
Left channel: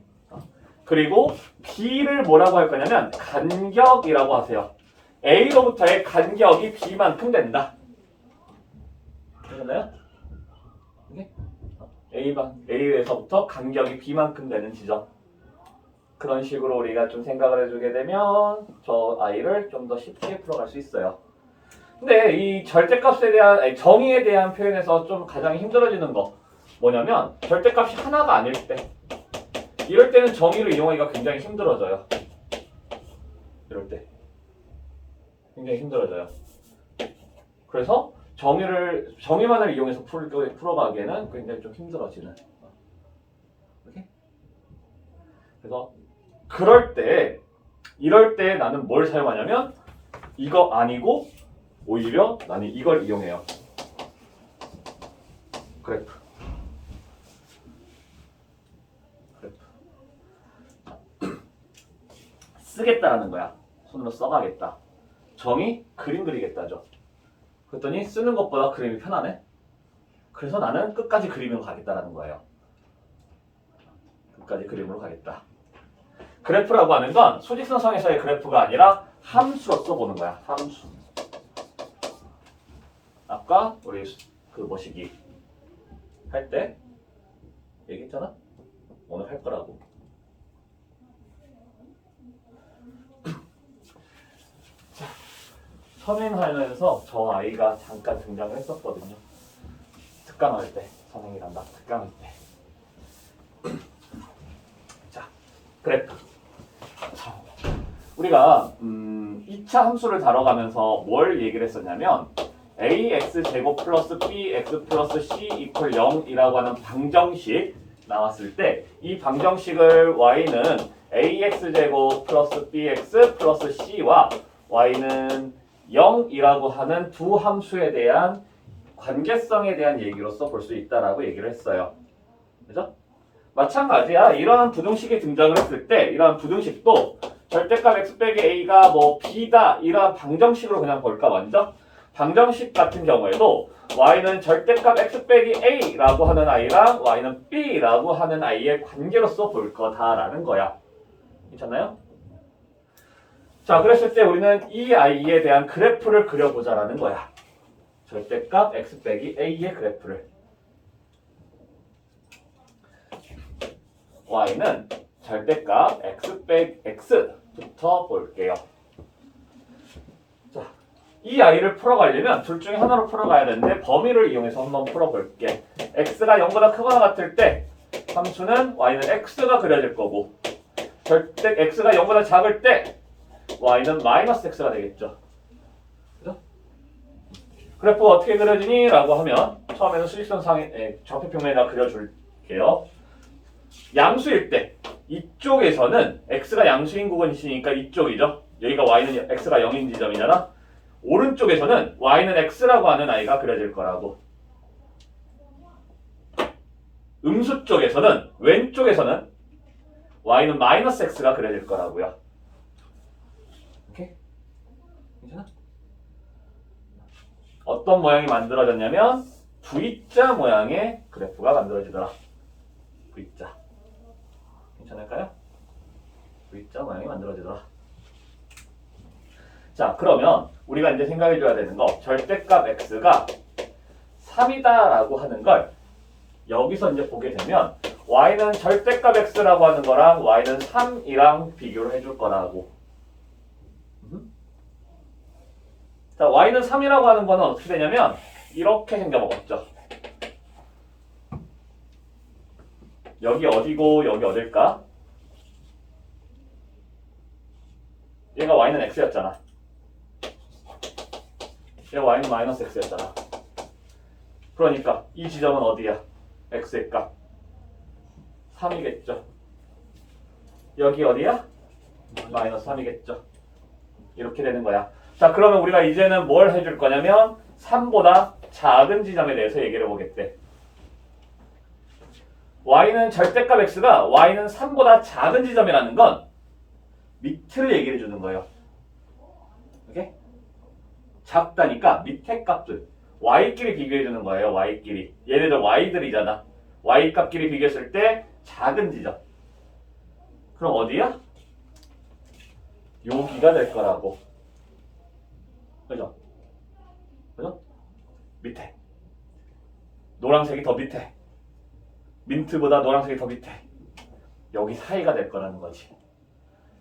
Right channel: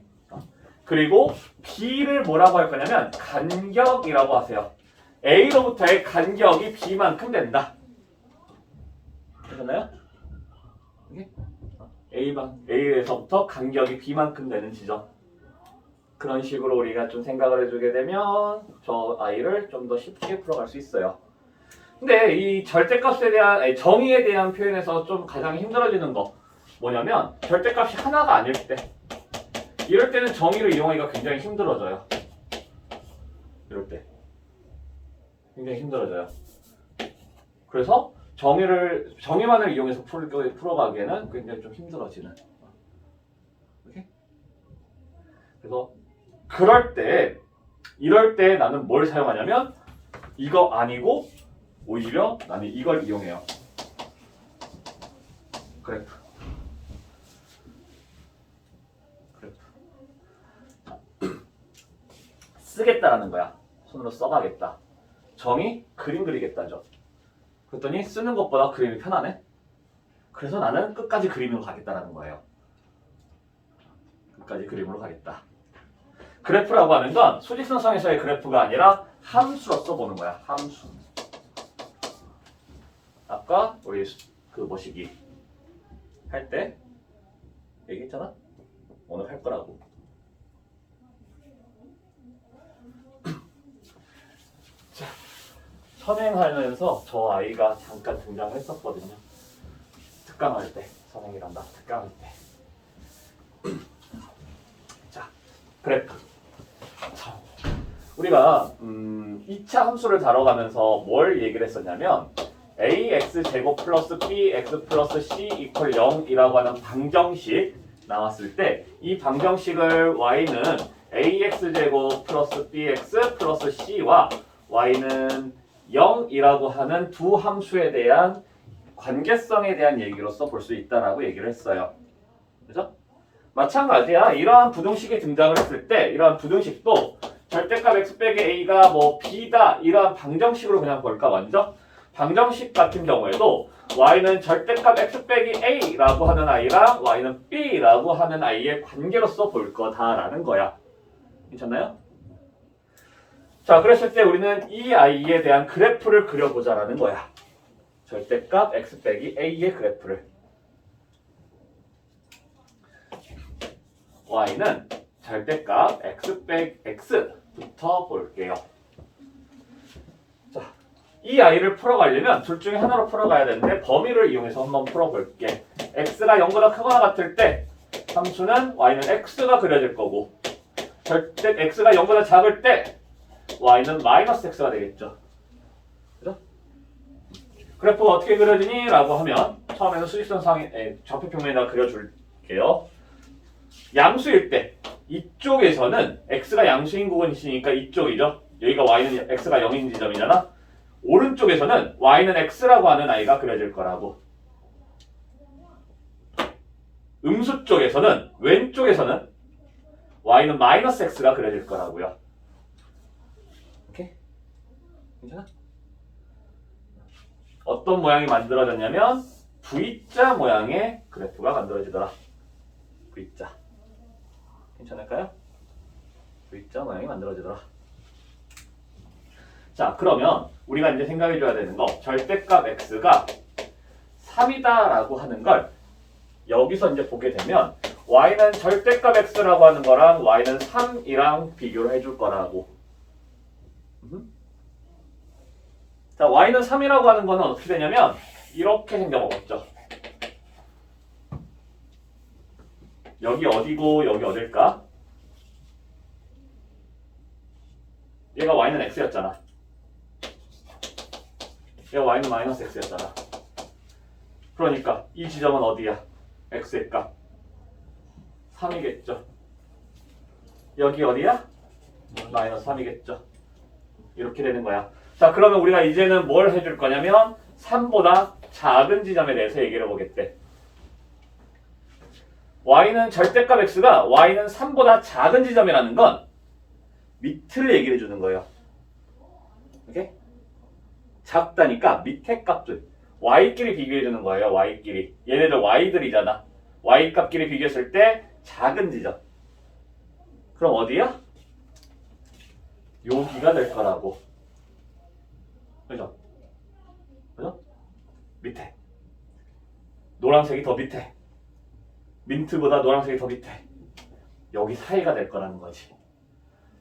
그리고 B를 뭐라고 할 거냐면 간격이라고 하세요. A로부터의 간격이 B만큼 된다. 괜찮나요? 오케이? A에서부터 간격이 B만큼 되는 지점. 그런 식으로 우리가 좀 생각을 해주게 되면 저 i를 좀 더 쉽게 풀어갈 수 있어요. 근데 이 절대값에 대한 정의에 대한 표현에서 좀 가장 힘들어지는 거 뭐냐면 절대값이 하나가 아닐 때 이럴 때는 정의를 이용하기가 굉장히 힘들어져요. 이럴 때 굉장히 힘들어져요. 그래서 정의만을 이용해서 풀어가기에는 굉장히 좀 힘들어지는. 오케이? 그래서 이럴 때 나는 뭘 사용하냐면 이거 아니고 오히려 나는 이걸 이용해요. 그래프. 쓰겠다라는 거야. 손으로 써가겠다. 정의 그림 그리겠다죠. 그랬더니 쓰는 것보다 그림이 편하네. 그래서 나는 끝까지 그림으로 가겠다라는 거예요. 끝까지 그림으로 가겠다. 그래프라고 하는 건 수직선상에서의 그래프가 아니라 함수로서 보는 거야. 함수. 아까 우리 그 뭐시기 할 때 얘기했잖아. 오늘 할 거라고. 자, 선행하면서 저 아이가 잠깐 등장을 했었거든요. 특강할 때, 선행이란다. 특강할 때. 자, 그래프. 자, 우리가 2차 함수를 다뤄가면서 뭘 얘기를 했었냐면 ax 제곱 플러스 bx 플러스 c 이퀄 0이라고 하는 방정식 나왔을 때 이 방정식을 y는 ax제곱 플러스 bx 플러스 c와 y는 0이라고 하는 두 함수에 대한 관계성에 대한 얘기로서 볼 수 있다라고 얘기를 했어요. 그죠? 마찬가지야. 이러한 부등식이 등장을 했을 때 이러한 부등식도 절대값 x 빼기 a가 뭐 b다 이러한 방정식으로 그냥 볼까 먼저? 방정식 같은 경우에도 y는 절대값 x 빼기 a라고 하는 i랑 y는 b라고 하는 i의 관계로서 볼 거다라는 거야. 괜찮나요? 자, 그랬을 때 우리는 이 i에 대한 그래프를 그려보자라는 거야. 절대값 x 빼기 a의 그래프를. y는 절대값 x 빼기 x부터 볼게요. 자, 이 i를 풀어가려면 둘 중에 하나로 풀어가야 되는데 범위를 이용해서 한번 풀어볼게. x가 0보다 크거나 같을 때 함수는 y는 x가 그려질 거고 절대 x가 0보다 작을 때 y는 마이너스 x가 되겠죠. 그죠? 그래프가 어떻게 그려지니? 라고 하면 처음에는 수직선상에 좌표평면에다 그려줄게요. 양수일 때 이쪽에서는 x가 양수인 부분이 있으니까 이쪽이죠. 여기가 y는 x가 0인 지점이잖아. 오른쪽에서는 y는 x라고 하는 i가 그려질 거라고. 음수 쪽에서는 왼쪽에서는 y는 마이너스 x가 그려질 거라고요. 오케이? 괜찮아? 어떤 모양이 만들어졌냐면 V자 모양의 그래프가 만들어지더라. V자. 괜찮을까요? V자 모양이 만들어지더라. 자, 그러면 우리가 이제 생각해줘야 되는 거 절대값 x가 3이다라고 하는 걸 여기서 이제 보게 되면 y는 절대값 x라고 하는 거랑 y는 3이랑 비교를 해줄 거라고. 자, y는 3이라고 하는 거는 어떻게 되냐면 이렇게 생겨먹었죠. 여기 어디고 여기 어딜까? 얘가 y는 x였잖아. 얘가 y는 마이너스 x였잖아. 그러니까 이 지점은 어디야? x의 값 3이겠죠. 여기 어디야? 마이너스 3이겠죠. 이렇게 되는 거야. 자, 그러면 우리가 이제는 뭘 해줄 거냐면 3보다 작은 지점에 대해서 얘기를 해보겠대. y는 절대값 x가 y는 3보다 작은 지점이라는 건 밑을 얘기해 주는 거예요. 오케이? 작다니까 밑에 값들 y끼리 비교해 주는 거예요. y끼리. 얘네들 y들이잖아. y 값끼리 비교했을 때 작은 지점. 그럼 어디야? 여기가 될 거라고. 그죠? 그죠? 밑에. 노란색이 더 밑에. 민트보다 노란색이 더 밑에. 여기 사이가 될 거라는 거지.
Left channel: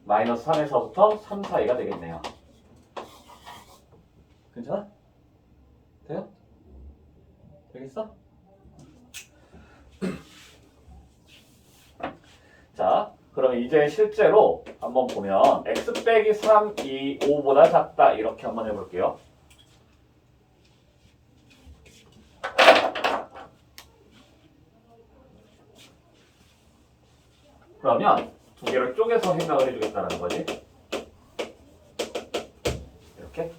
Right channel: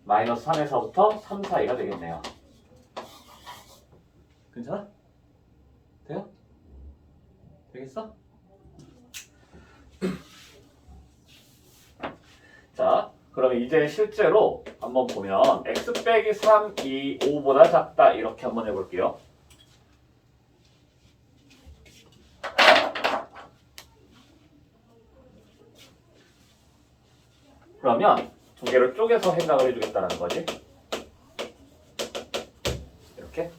마이너스 3에서부터 3 사이가 되겠네요. 괜찮아? 돼요? 되겠어? 자, 그럼 이제 실제로 한번 보면 x 빼기 3이 5보다 작다 이렇게 한번 해볼게요. 그러면 두 개를 쪼개서 생각을 해주겠다는 거지. 이렇게.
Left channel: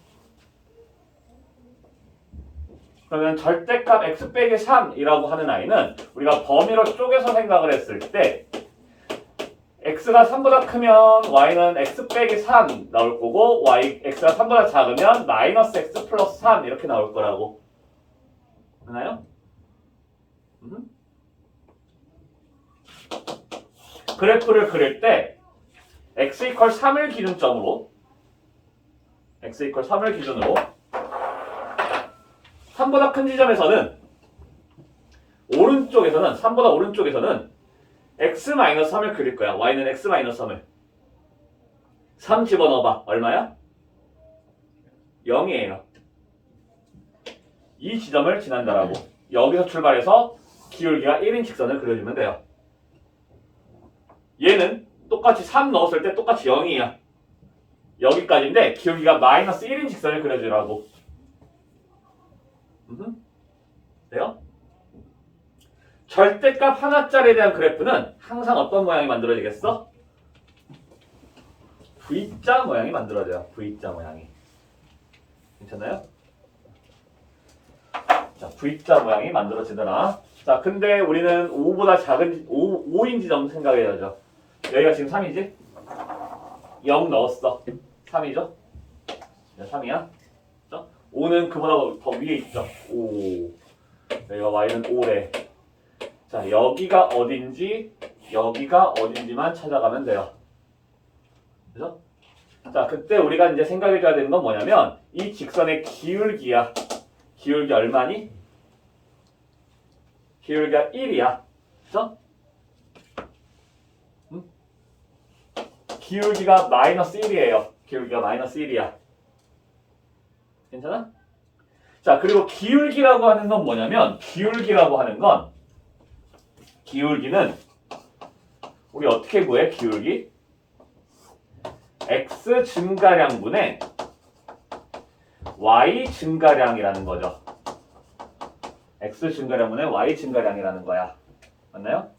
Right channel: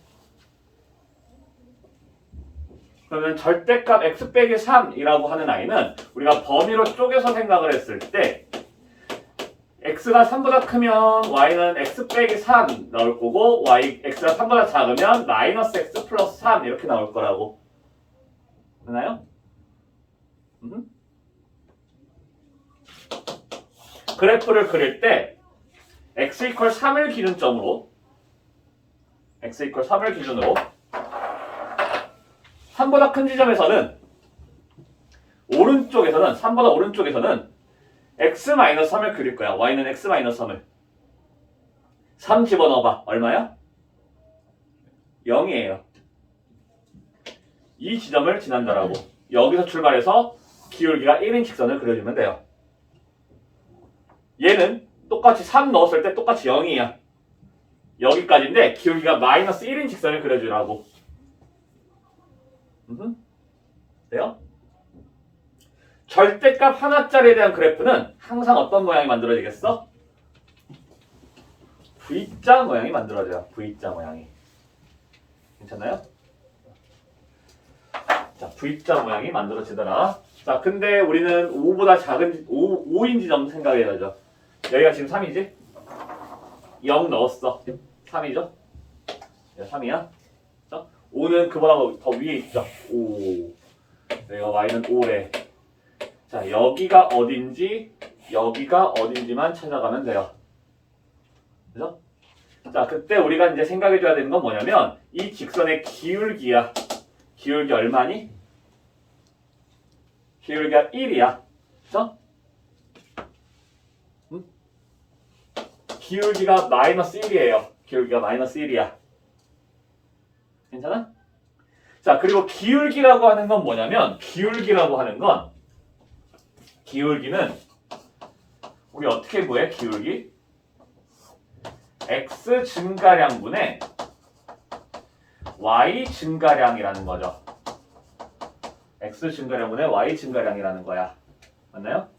그러면 절대값 x 빼기 3이라고 하는 i는 우리가 범위로 쪼개서 생각을 했을 때 x가 3보다 크면 y는 x 빼기 3 나올 거고 x가 3보다 작으면 마이너스 x 플러스 3 이렇게 나올 거라고. 되나요? 그래프를 그릴 때 x 이퀄 3을 기준점으로 x 이퀄 3을 기준으로 3보다 큰 지점에서는 오른쪽에서는 3보다 오른쪽에서는 x-3을 그릴 거야. y는 x-3을 3 집어넣어봐. 얼마야? 0이에요. 이 지점을 지난다라고. 여기서 출발해서 기울기가 1인 직선을 그려주면 돼요. 얘는 똑같이 3 넣었을 때 똑같이 0이야. 여기까지인데 기울기가 마이너스 1인 직선을 그려주라고. 돼요? 절대값 하나짜리에 대한 그래프는 항상 어떤 모양이 만들어지겠어? V자 모양이 만들어져요. V자 모양이. 괜찮나요? 자, V자 모양이 만들어지더라. 자, 근데 우리는 5보다 작은 5인 지점 생각해야죠. 여기가 지금 3이지? 0 넣었어. 3이죠? 3이야. 5는 그보다 더 위에 있죠. 5. 여기가 y는 5래. 자, 여기가 어딘지만 찾아가면 돼요. 그죠? 자, 그때 우리가 이제 생각해줘야 되는 건 뭐냐면 이 직선의 기울기야. 기울기 얼마니? 기울기가 1이야. 그죠? 기울기가 마이너스 1이에요. 기울기가 마이너스 1이야. 괜찮아? 자, 그리고 기울기라고 하는 건 뭐냐면 기울기는 우리 어떻게 구해? 기울기? x 증가량분의 y 증가량이라는 거죠. x 증가량분의 y 증가량이라는 거야. 맞나요?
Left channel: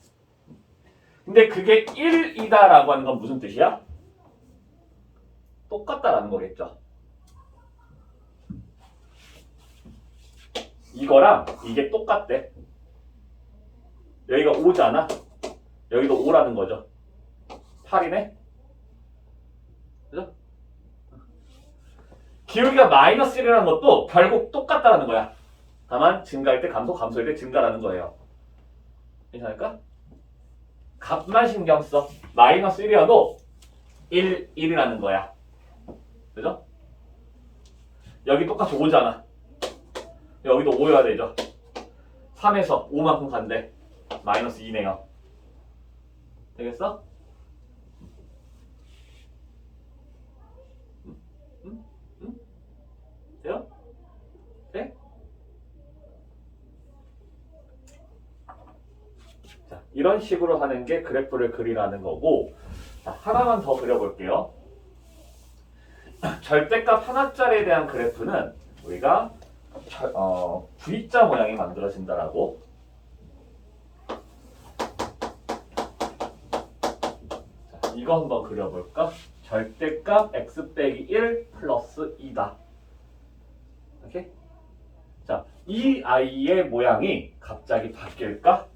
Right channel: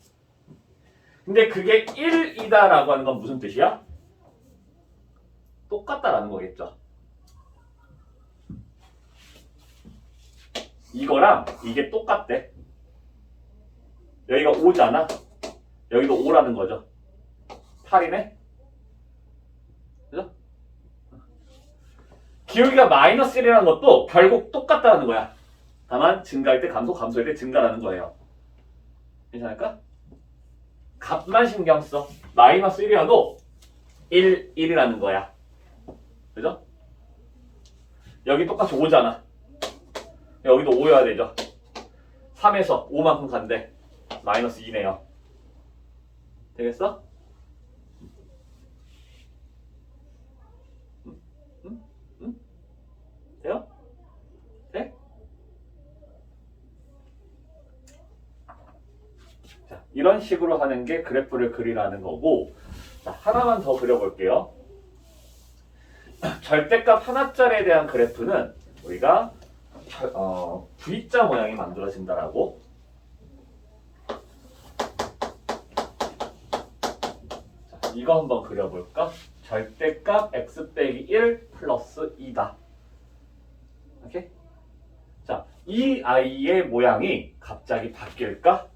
근데 그게 1이다라고 하는 건 무슨 뜻이야? 똑같다라는 거겠죠. 이거랑 이게 똑같대. 여기가 5잖아. 여기도 5라는 거죠. 8이네. 그죠? 기울기가 마이너스 1이라는 것도 결국 똑같다는 거야. 다만 증가할 때 감소, 감소할 때 증가라는 거예요. 괜찮을까? 값만 신경 써. 마이너스 1이어도 1이라는 거야. 그죠? 여기 똑같이 5잖아. 여기도 5여야 되죠. 3에서 5만큼 간대. 마이너스 2네요. 되겠어? 돼요? 돼? 자, 이런 식으로 하는 게 그래프를 그리라는 거고, 자, 하나만 더 그려볼게요. 절대값 하나짜리에 대한 그래프는 우리가 V자 모양이 만들어진다라고. 자, 이거 한번 그려볼까? 절대값 x 빼기 1 플러스 2다. 오케이? 자, 이 아이의 모양이 갑자기 바뀔까?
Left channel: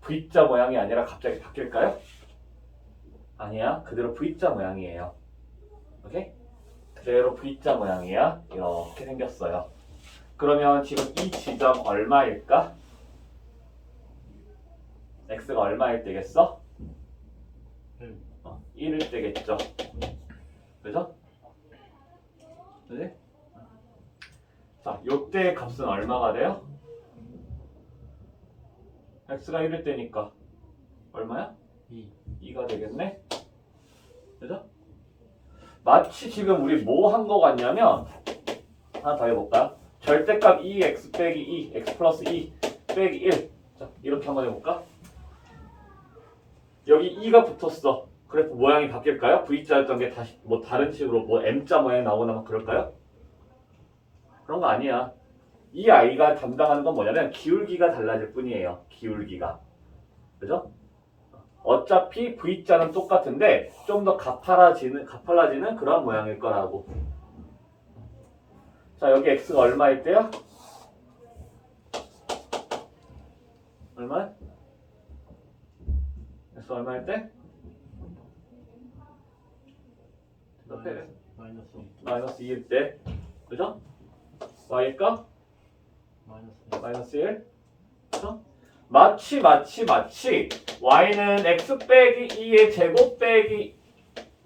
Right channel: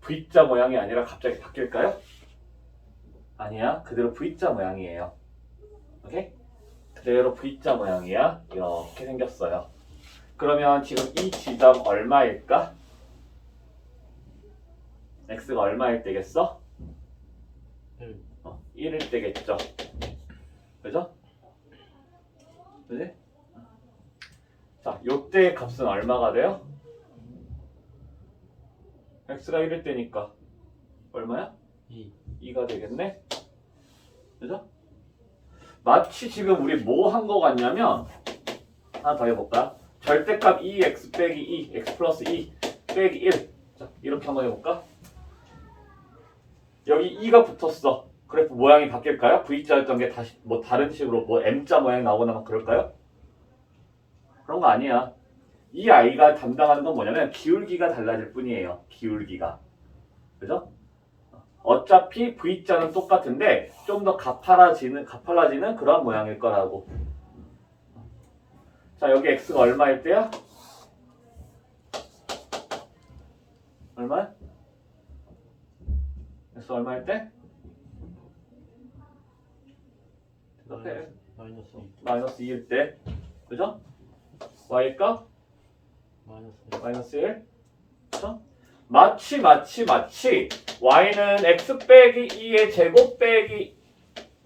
V자 모양이 아니라 갑자기 바뀔까요? 아니야. 그대로 V자 모양이에요. 오케이? 그대로 V자 모양이야. 이렇게 생겼어요. 그러면 지금 이 지점 얼마일까? x가 얼마일 때겠어? 1일 때겠죠. 그죠? 그지? 자, 요때 값은 얼마가 돼요? x가 1일 때니까 얼마야? 2가 되겠네? 그죠? 마치 지금 우리 뭐 한 거 같냐면 하나 더 해볼까? 절대값 2x 빼기 2, x 플러스 2 빼기 1. 자, 이렇게 한번 해볼까? 여기 2가 붙었어. 그래프 모양이 바뀔까요? V자였던 게 다시 뭐 다른 식으로 뭐 M자 모양이 나오거나 막 그럴까요? 그런 거 아니야. 이 아이가 담당하는 건 뭐냐면 기울기가 달라질 뿐이에요. 기울기가. 그죠? 어차피 V자는 똑같은데 좀 더 가팔라지는 그런 모양일 거라고. 자, 여기 x가 얼마일 때야? 얼마야? x 얼마일 때? 마이너스 2일 때. 그죠? y값? 마이너스 1. 그죠? 마치 y는 x 빼기 2의 제곱 빼기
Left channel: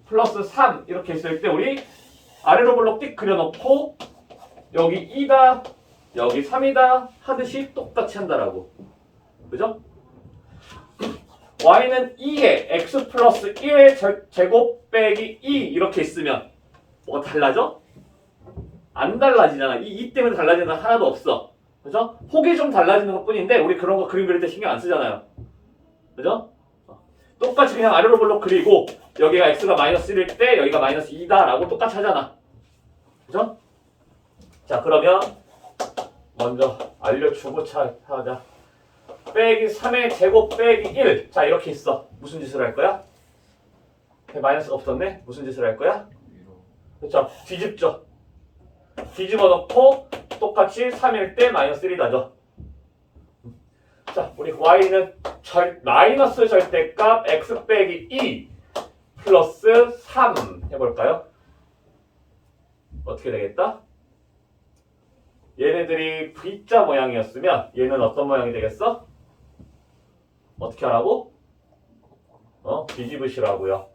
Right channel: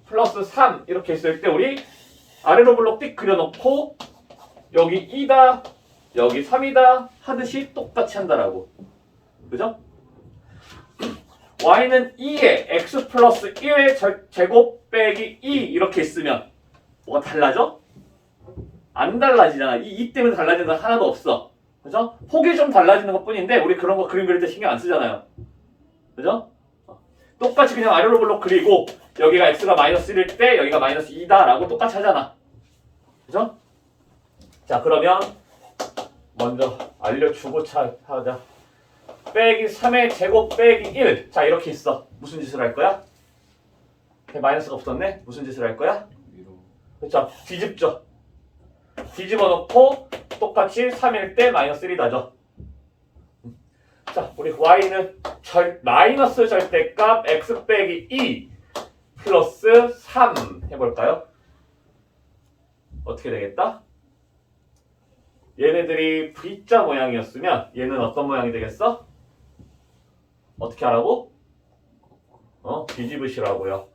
플러스 3 이렇게 했을 때 우리 아래로 블록 띡 그려놓고 여기 2다 여기 3이다 하듯이 똑같이 한다라고. 그죠? y는 2의 x 플러스 1의 제곱 빼기 2 이렇게 있으면 뭐가 달라져? 안 달라지잖아. 이 때문에 달라지는 건 하나도 없어. 그죠? 폭이 좀 달라지는 것 뿐인데 우리 그런 거 그림 그릴 때 신경 안 쓰잖아요. 그죠? 똑같이 그냥 아래로 블록 그리고 여기가 x가 마이너스 1일 때 여기가 마이너스 2다 라고 똑같이 하잖아. 그죠? 자 그러면 먼저 알려주고 하자. 빼기 3의 제곱 빼기 1. 자 이렇게 있어. 무슨 짓을 할 거야? 마이너스가 없었네? 무슨 짓을 할 거야? 위로. 그렇죠. 뒤집죠. 뒤집어 놓고 똑같이 3일 때 마이너스 1이다죠. 자, 우리 y는 마이너스 절대값 x 빼기 2 플러스 3 해볼까요? 어떻게 되겠다? 얘네들이 V자 모양이었으면 얘는 어떤 모양이 되겠어? 어떻게 하라고? 뒤집으시라고요.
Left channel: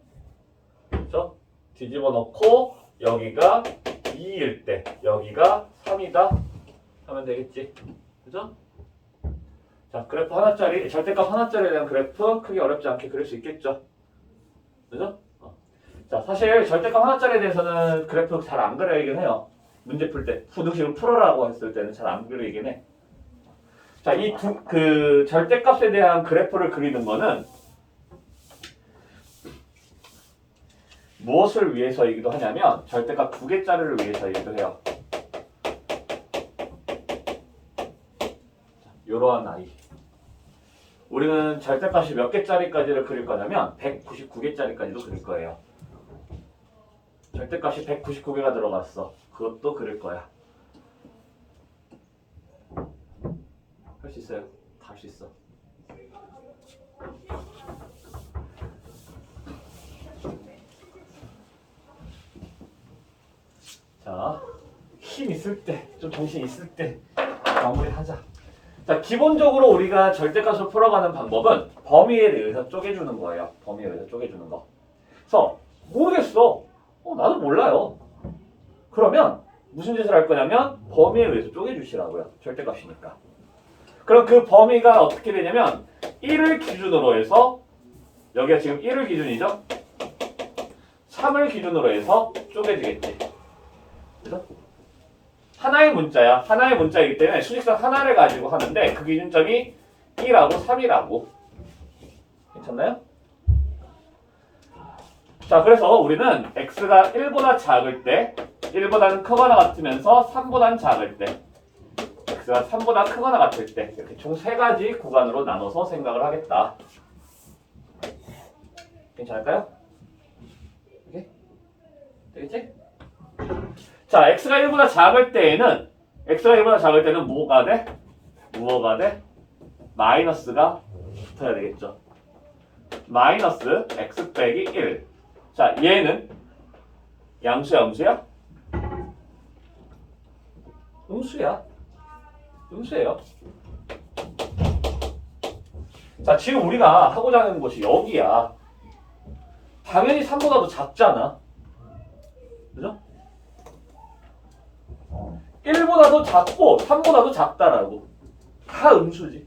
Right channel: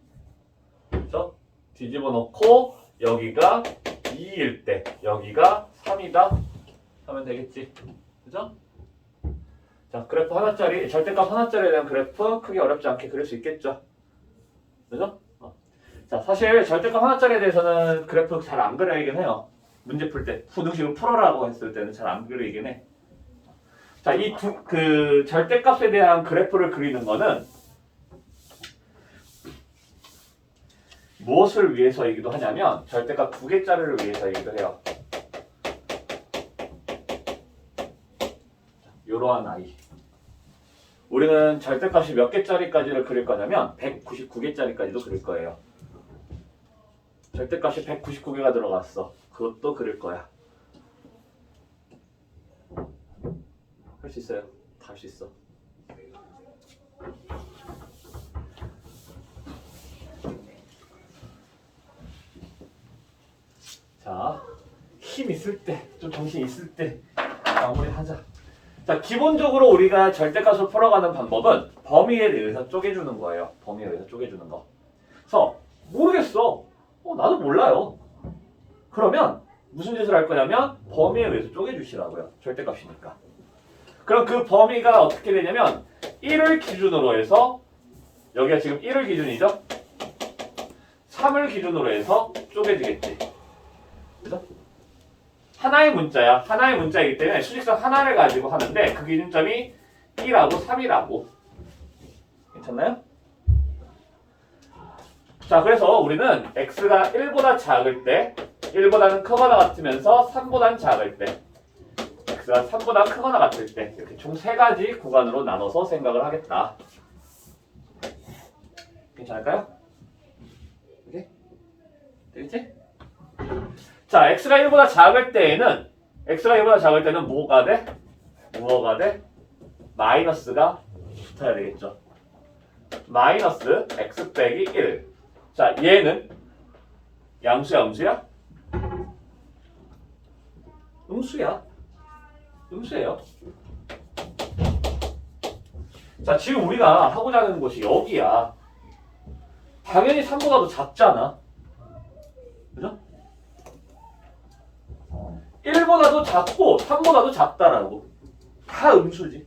그렇죠? 뒤집어 놓고 여기가 2일 때 여기가 3이다 하면 되겠지. 그죠? 자, 그래프 하나짜리, 절대값 하나짜리에 대한 그래프 크게 어렵지 않게 그릴 수 있겠죠. 그죠? 자, 사실 절대값 하나짜리에 대해서는 그래프 잘 안 그려야긴 해요. 문제 풀 때, 부등식을 풀어라고 했을 때는 잘 안 그리긴 해. 자, 그 절대값에 대한 그래프를 그리는 거는 무엇을 위해서이기도 하냐면 절대값 2개짜리를 위해서이기도 해요. 이러한 아이. 우리는 절대값이 몇 개짜리까지를 그릴 거냐면 199개짜리까지도 그릴 거예요. 절대값이 199개가 들어갔어. 그것도 그릴 거야. 할 수 있어요? 다 할 수 있어. 자, 힘 있을 때, 좀 정신 있을 때 마무리하자. 자, 기본적으로 우리가 절대값을 풀어가는 방법은 범위에 대해서 쪼개주는 거예요. 범위에 의해서 쪼개주는 거. 그래서 모르겠어. 나도 몰라요. 그러면 무슨 짓을 할 거냐면 범위에 의해서 쪼개주시라고요. 절대값이니까. 그럼 그 범위가 어떻게 되냐면 1을 기준으로 해서 여기가 지금 1을 기준이죠. 3을 기준으로 해서 쪼개지겠지. 그죠? 하나의 문자야. 하나의 문자이기 때문에 수직선 하나를 가지고 하는데 그 기준점이 1하고 3이라고. 괜찮나요? 자, 그래서 우리는 x가 1보다 작을 때 1보다는 크거나 같으면서 3보다는 작을 때 x가 3보다 크거나 같을 때 이렇게 총 3가지 구간으로 나눠서 생각을 하겠다. 괜찮을까요? 오케이? 되겠지? 자, x가 1보다 작을 때는 뭐가 돼? 무엇가 돼? 마이너스가 붙어야 되겠죠. 마이너스 x 빼기 1. 자, 얘는 양수야, 음수야? 음수야. 음수예요. 자, 지금 우리가 하고자 하는 곳이 여기야. 당연히 3보다 더 작잖아. 그죠? 1보다도 작고 3보다도 작다라고. 다 음수지.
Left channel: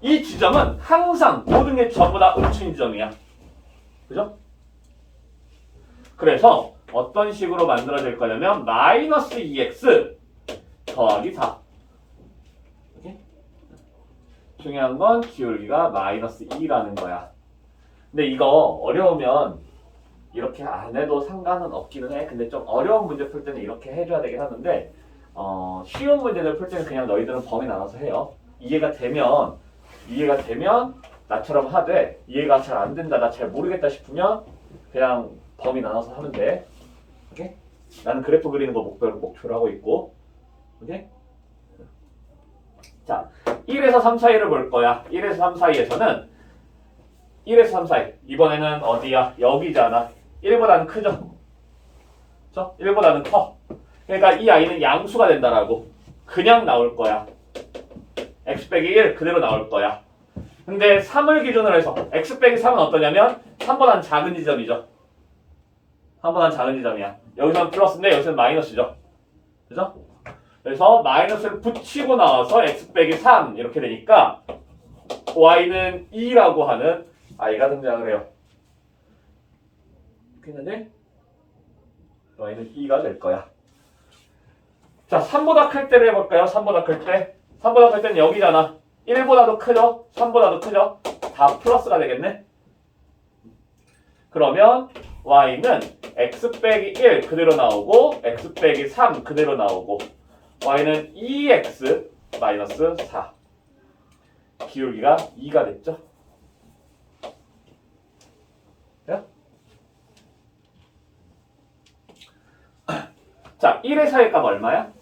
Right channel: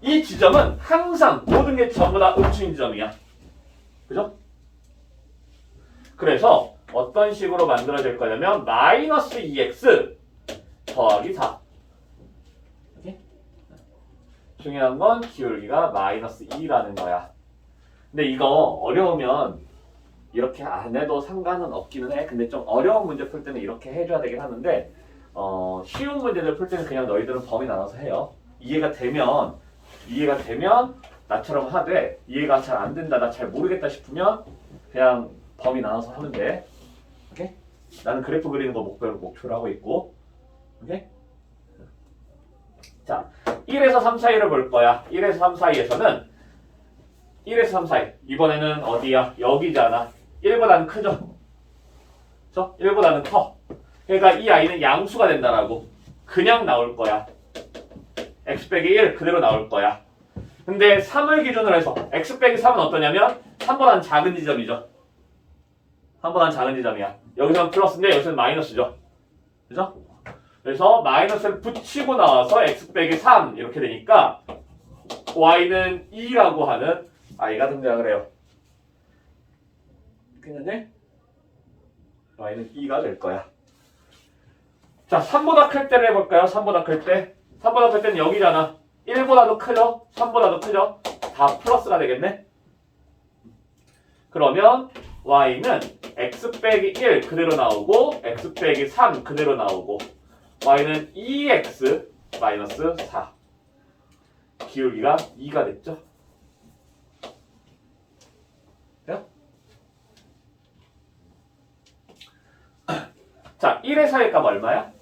이 지점은 항상 모든 게 전부 다 음수인 지점이야. 그죠? 그래서 어떤 식으로 만들어질 거냐면 마이너스 2x 더하기 4. 이렇게? 중요한 건 기울기가 마이너스 2라는 거야. 근데 이거 어려우면 이렇게 안 해도 상관은 없기는 해. 근데 좀 어려운 문제 풀 때는 이렇게 해줘야 되긴 하는데 쉬운 문제들 풀 때는 그냥 너희들은 범위 나눠서 해요. 이해가 되면 나처럼 하되 이해가 잘 안 된다, 나 잘 모르겠다 싶으면 그냥 범위 나눠서 하면 돼. 오케이? 나는 그래프 그리는 거 목표로 하고 있고. 오케이? 자, 1에서 3 사이를 볼 거야. 1에서 3 사이에서는 1에서 3 사이. 이번에는 어디야? 여기잖아. 1보다는 크죠? 그쵸? 1보다는 커. 그러니까 이 아이는 양수가 된다라고. 그냥 나올 거야. x 빼기 1 그대로 나올 거야. 근데 3을 기준으로 해서 x 빼기 3은 어떠냐면 3보다는 작은 지점이죠. 3보다는 작은 지점이야. 여기서는 플러스인데 여기서는 마이너스죠. 그죠? 그래서 마이너스를 붙이고 나와서 x 빼기 3 이렇게 되니까 y는 2라고 하는 아이가 등장을 해요. 괜찮네? y는 2가 될 거야. 자, 3보다 클 때를 해볼까요? 3보다 클 때. 3보다 클 때는 여기잖아. 1보다도 크죠? 3보다도 크죠? 다 플러스가 되겠네. 그러면 y는 x 빼기 1 그대로 나오고 x 빼기 3 그대로 나오고 y는 2x 마이너스 4. 기울기가 2가 됐죠? 자, 1의 사이의 값 얼마야?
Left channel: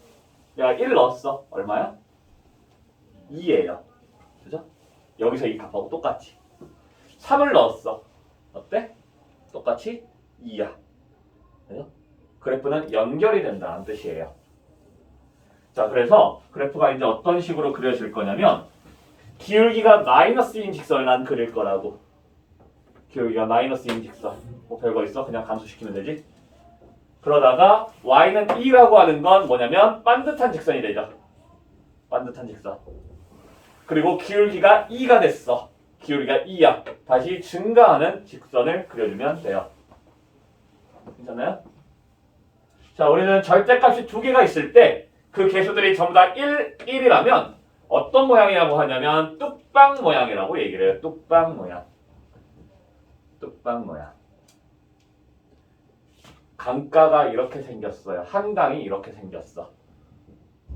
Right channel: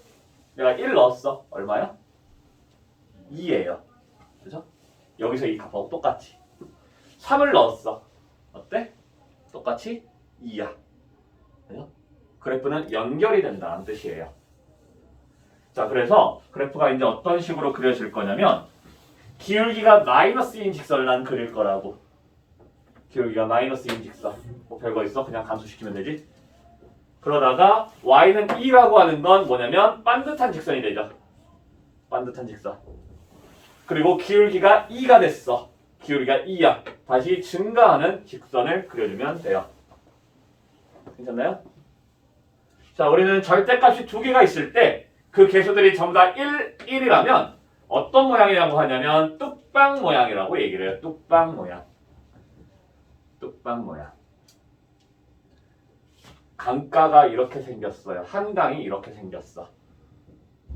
내가 1 넣었어. 얼마야? 2예요. 그죠? 여기서 이 값하고 똑같이. 3을 넣었어. 어때? 똑같이 2야. 그죠? 그래프는 연결이 된다는 뜻이에요. 자, 그래서 그래프가 이제 어떤 식으로 그려질 거냐면 기울기가 마이너스인 직선을 난 그릴 거라고. 기울기가 마이너스인 직선. 뭐 별거 있어? 그냥 감소시키면 되지. 그러다가 y는 2라고 하는 건 뭐냐면 반듯한 직선이 되죠. 반듯한 직선. 그리고 기울기가 2가 됐어. 기울기가 2야. 다시 증가하는 직선을 그려주면 돼요. 괜찮나요? 자, 우리는 절대값이 두 개가 있을 때 그 개수들이 전부 다 1, 1이라면 어떤 모양이라고 하냐면 뚝방 모양이라고 얘기를 해요. 뚝방 모양. 뚝방 모양. 강가가 이렇게 생겼어요. 한강이 이렇게 생겼어.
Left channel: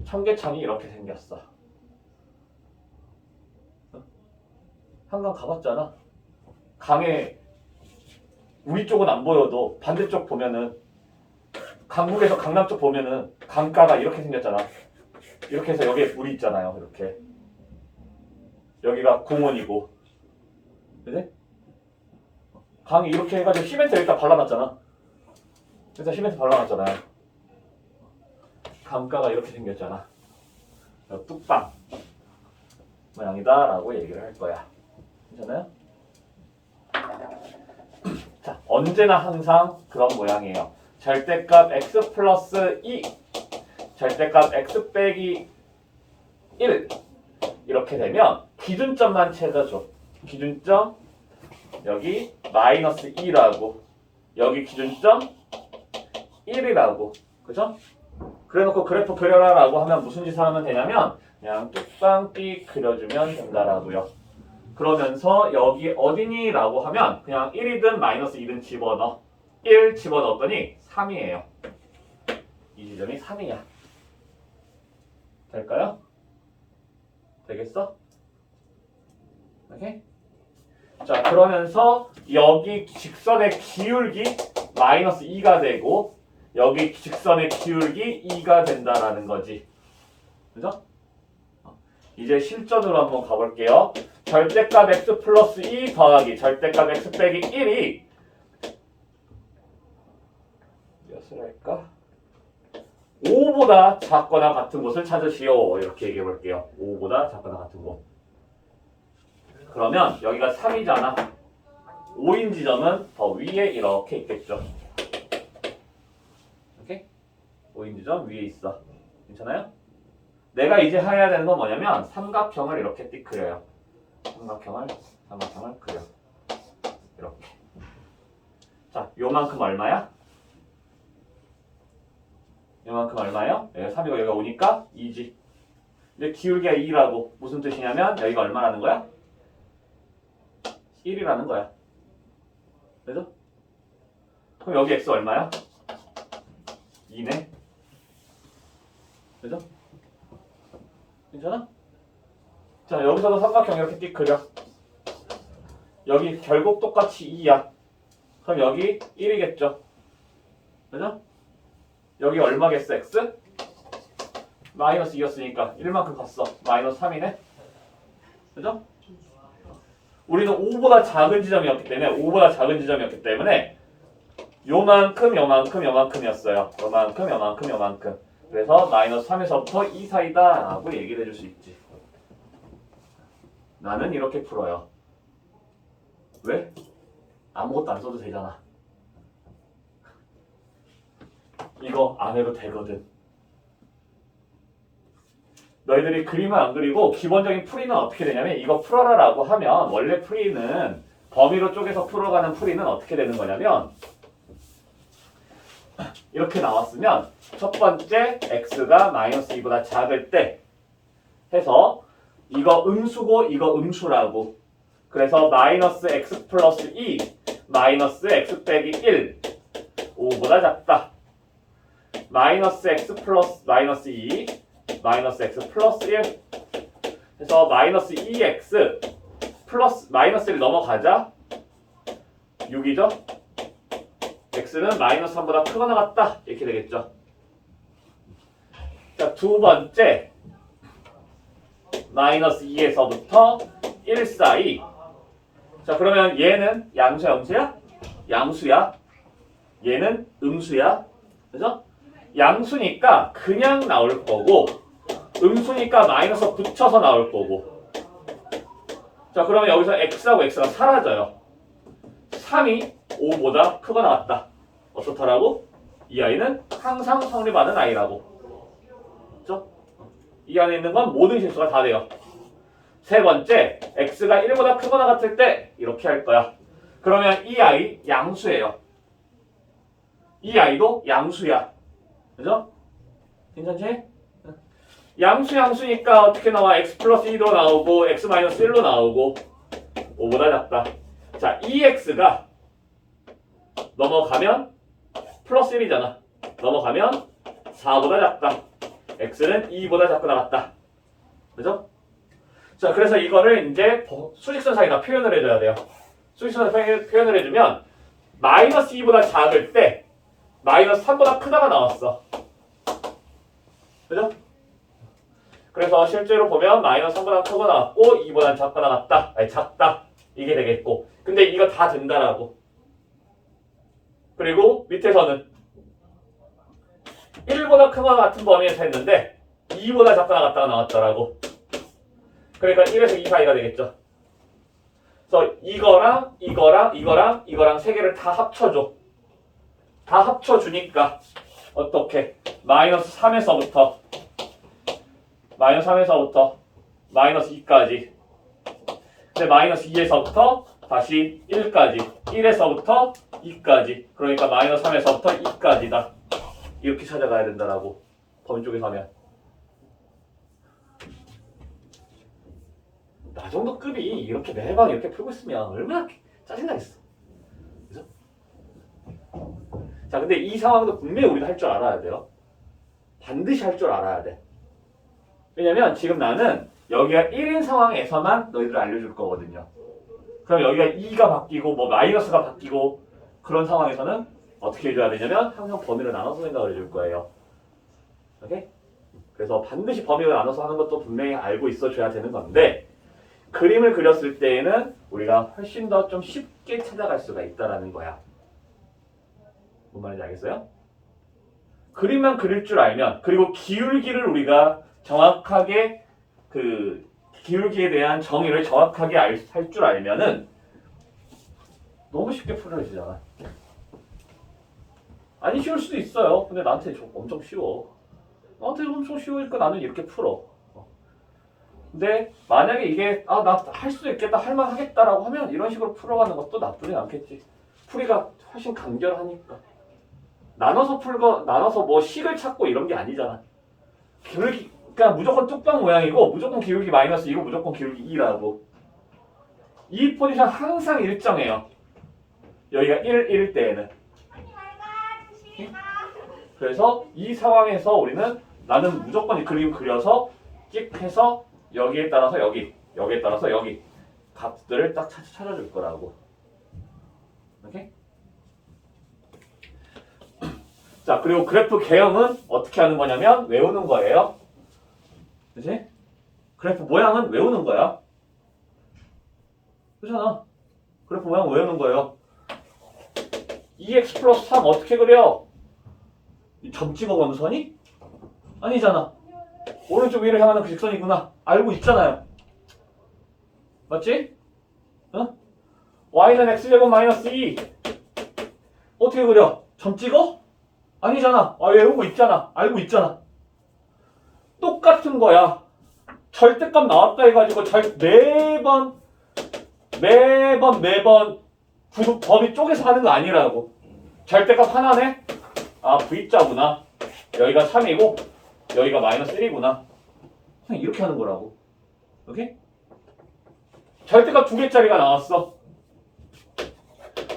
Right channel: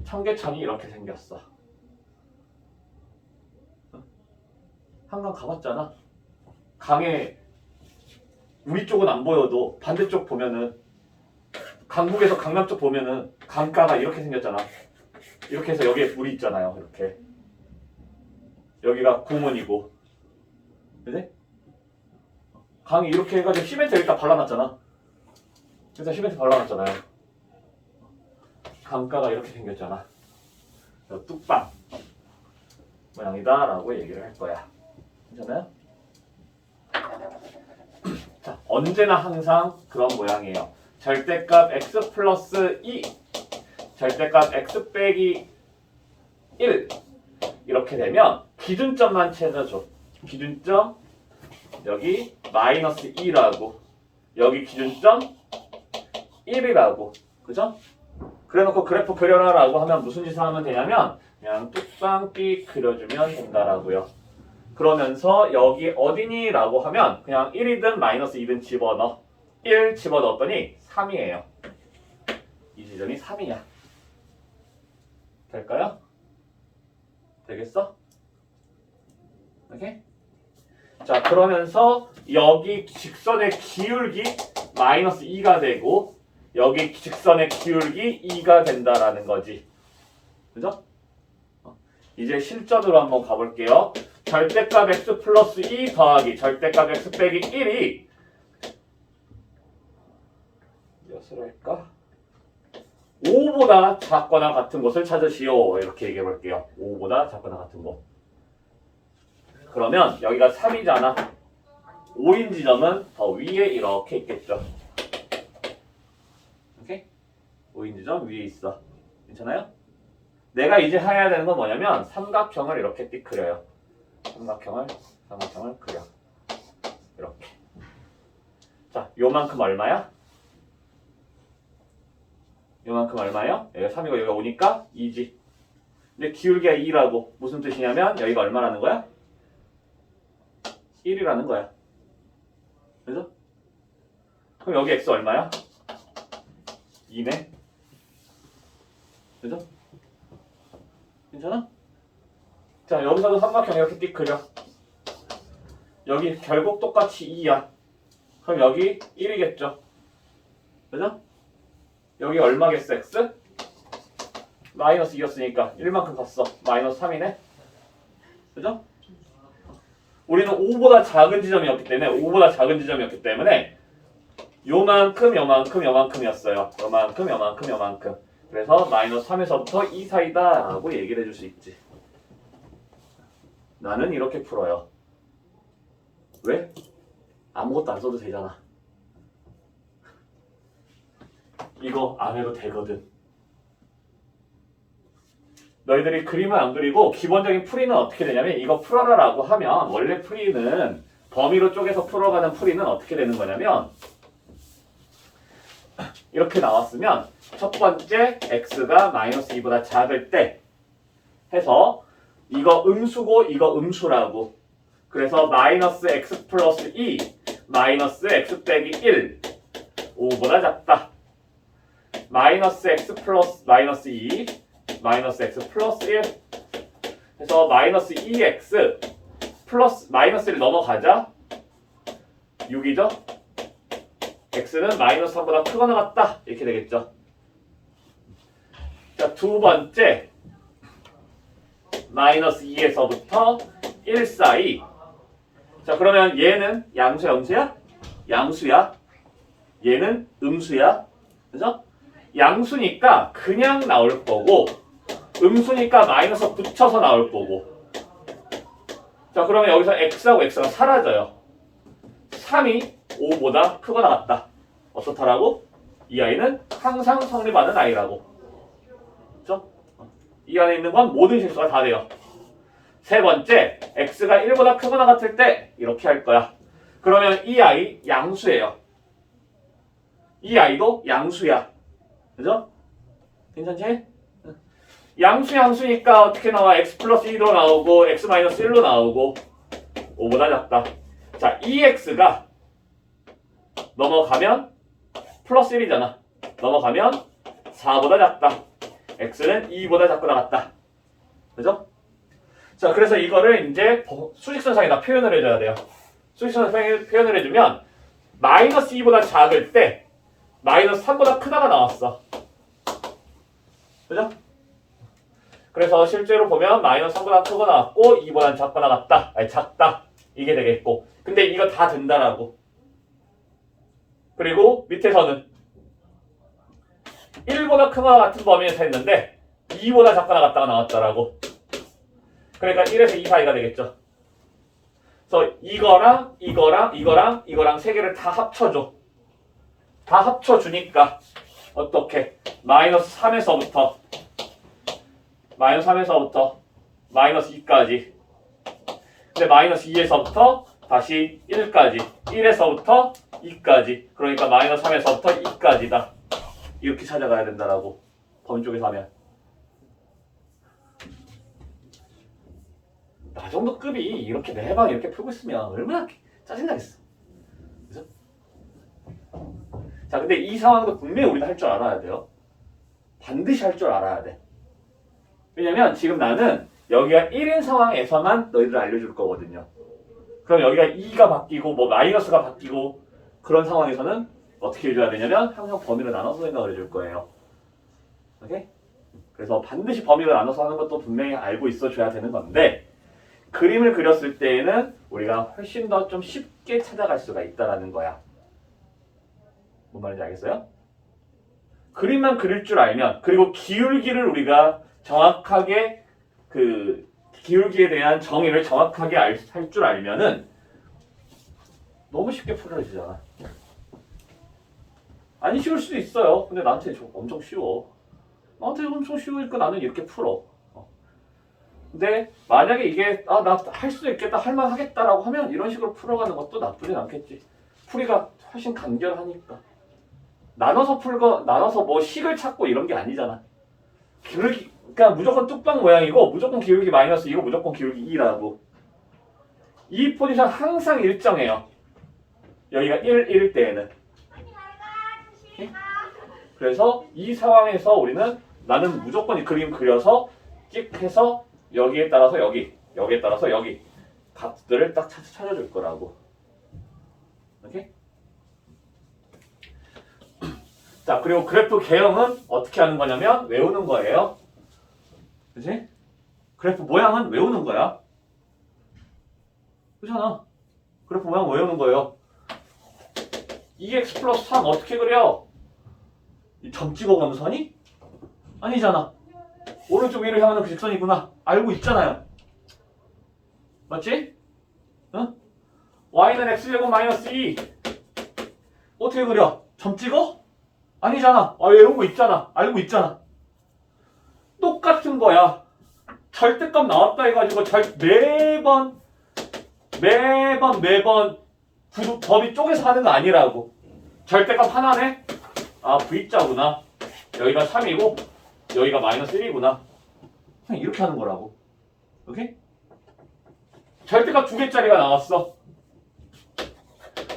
청계천이 이렇게 생겼어. 한강 가봤잖아. 강에 우리 쪽은 안 보여도 반대쪽 보면은 강북에서 강남 쪽 보면은 강가가 이렇게 생겼잖아. 이렇게 해서 여기에 물이 있잖아요. 이렇게. 여기가 공원이고. 그지? 강이 이렇게 해가지고 시멘트 여기다 발라놨잖아. 그래서 시멘트 발라놨잖아요. 강가가 이렇게 생겼잖아. 뚝방 모양이다 라고 얘기를 할 거야. 괜찮아요? 자, 언제나 항상 그런 모양이에요. 절대값 x 플러스 2 절대값 x 빼기 1 이렇게 되면 기준점만 찾아줘. 기준점 여기 마이너스 2라고 여기 기준점 1이라고. 그죠? 그래놓고 그래프 그려라 라고 하면 무슨 짓을 하면 되냐면 그냥 뚝방삐 그려주면 된다라고요. 그러면서 여기 어디니? 라고 하면 그냥 1이든 마이너스 2든 집어넣어. 1 집어넣었더니 3이에요. 이 지점이 3이야. 될까요? 되겠어? 오케이? 자, 그러면서 여기 직선의 기울기 마이너스 2가 되고 여기 직선의 기울기 2가 된다라는 거지. 그죠? 이제 실전으로 한번 가볼게요. 절대값 x 플러스 2 더하기 절대값 x 빼기 1이 몇을 할까? 5보다 작거나 같은 곳을 찾으시오. 이렇게 얘기해 볼게요. 5보다 작거나 같은 곳. 그러면 여기가 3이잖아. 5인 지점은 더 위에 이렇게 있겠죠. 오케이? 5인 지점 위에 있어. 괜찮아요? 내가 이제 해야 되는 건 뭐냐면 삼각형을 이렇게 띡 그려요. 삼각형을 그려. 이렇게. 자, 요만큼 얼마야? 요만큼 얼마예요? 여기가 3이고 여기가 5니까 2지. 근데 기울기가 2라고 무슨 뜻이냐면 여기가 얼마라는 거야? 1이라는 거야. 그죠? 그럼 여기 x 얼마야? 2네. 그죠? 괜찮아? 자, 여기서도 삼각형 이렇게 띡 그려. 여기 결국 똑같이 2야. 그럼 여기 1이겠죠? 그죠? 여기 얼마겠어, x? 마이너스 2였으니까 1만큼 갔어. 마이너스 3이네. 그죠? 우리는 5보다 작은 지점이었기 때문에 요만큼이었어요. 요만큼. 그래서 마이너스 3에서부터 2 사이다 라고 얘기를 해줄 수 있지. 나는 이렇게 풀어요. 왜? 아무것도 안 써도 되잖아. 이거 안 해도 되거든. 너희들이 그림을 안 그리고 기본적인 풀이는 어떻게 되냐면 이거 풀어라 라고 하면 원래 풀이는 범위로 쪼개서 풀어가는 풀이는 어떻게 되는 거냐면 이렇게 나왔으면 첫 번째 x가 마이너스 2보다 작을 때 해서 이거 음수고 이거 음수라고. 그래서 마이너스 x 플러스 2 마이너스 x 빼기 1 5보다 작다. 마이너스 x 플러스 마이너스 2 마이너스 x 플러스 1 해서 마이너스 2x 플러스 마이너스 1 넘어가자 6이죠? x는 마이너스 3보다 크거나 같다 이렇게 되겠죠. 자, 두 번째 마이너스 2에서부터 1 사이. 자, 그러면 얘는 양수야 음수야? 양수야. 얘는 음수야. 그죠? 양수니까 그냥 나올 거고 음수니까 마이너스 붙여서 나올 거고. 자, 그러면 여기서 x하고 x가 사라져요. 3이 5보다 크거나 같다. 어떻다라고? 이 아이는 항상 성립하는 아이라고. 그죠? 이 안에 있는 건 모든 실수가 다 돼요. 세 번째, x가 1보다 크거나 같을 때 이렇게 할 거야. 그러면 이 아이 양수예요. 이 아이도 양수야. 그죠? 괜찮지? 양수니까 어떻게 나와? x 플러스 2도 나오고 x 마이너스 1로 나오고 5보다 작다. 자, 2x가 넘어가면 플러스 1이잖아. 넘어가면 4보다 작다. x는 2보다 작거나 같다. 그죠? 자, 그래서 이거를 이제 수직선상에다 표현을 해줘야 돼요. 수직선상에 표현을 해주면 마이너스 2보다 작을 때 마이너스 3보다 크다가 나왔어. 그죠? 그래서 실제로 보면 마이너스 3보다 크고 나왔고 2보다 작거나 같다. 아니 작다. 이게 되겠고. 근데 이거 다 된다라고. 그리고 밑에서는 1보다 크거나 같은 범위에서 했는데 2보다 작거나 같다가 나왔다라고. 그러니까 1에서 2 사이가 되겠죠. 그래서 이거랑 세 개를 다 합쳐줘. 다 합쳐주니까 어떻게? 마이너스 3에서부터 마이너스 2까지. 근데 마이너스 2에서부터 다시 1까지. 1에서부터 2까지. 그러니까 마이너스 3에서부터 2까지다. 이렇게 찾아가야 된다라고. 범위 쪽에서 하면. 나 정도 급이 이렇게 매번 이렇게 풀고 있으면 얼마나 짜증나겠어. 그죠? 자, 근데 이 상황도 분명히 우리가 할 줄 알아야 돼요. 반드시 할 줄 알아야 돼. 왜냐면 지금 나는 여기가 1인 상황에서만 너희들 알려줄 거거든요. 그럼 여기가 2가 바뀌고 뭐 마이너스가 바뀌고 그런 상황에서는 어떻게 해줘야 되냐면 항상 범위를 나눠서 생각을 해줄 거예요. 오케이? 그래서 반드시 범위를 나눠서 하는 것도 분명히 알고 있어줘야 되는 건데 그림을 그렸을 때에는 우리가 훨씬 더 좀 쉽게 찾아갈 수가 있다라는 거야. 뭔 말인지 알겠어요? 그림만 그릴 줄 알면 그리고 기울기를 우리가 정확하게 그 기울기에 대한 정의를 정확하게 할 줄 알면은 너무 쉽게 풀어지잖아. 아니 쉬울 수도 있어요. 근데 나한테 엄청 쉬워. 나한테 엄청 쉬우니까 나는 이렇게 풀어. 근데 만약에 이게 나 할 수도 있겠다, 할만 하겠다라고 하면 이런 식으로 풀어가는 것도 나쁘진 않겠지. 풀이가 훨씬 간결하니까. 나눠서 뭐 식을 찾고 이런 게 아니잖아. 기울기, 그러니까 무조건 뚝방 모양이고 무조건 기울기 마이너스 2고 무조건 기울기 2라고. 이 포지션 항상 일정해요. 여기가 1일 때에는. 그래서 이 상황에서 우리는 나는 무조건 이 그림 그려서 찍 해서 여기에 따라서 여기에 따라서 여기 값들을 딱 찾아줄 거라고. 오케이? 자, 그리고 그래프 개형은 어떻게 하는 거냐면 외우는 거예요. 그치? 그래프 모양은 외우는 거야. 그렇잖아. 그래프 모양 외우는 거예요. 2x 플러스 3 어떻게 그려? 이 점 찍어 감선이? 아니잖아. 오른쪽 위를 향하는 그 직선이구나. 알고 있잖아요. 맞지? 어? y는 x제곱 마이너스 2 어떻게 그려? 점 찍어? 아니잖아. 외운 거 있잖아. 알고 있잖아. 똑같은 거야. 절대값 나왔다 해가지고 매번 범위 쪼개서 하는 거 아니라고. 절대값 하나네? 아 V자구나. 여기가 3이고 여기가 마이너스 1이구나. 그냥 이렇게 하는 거라고. 오케이? 절대값 두 개짜리가 나왔어.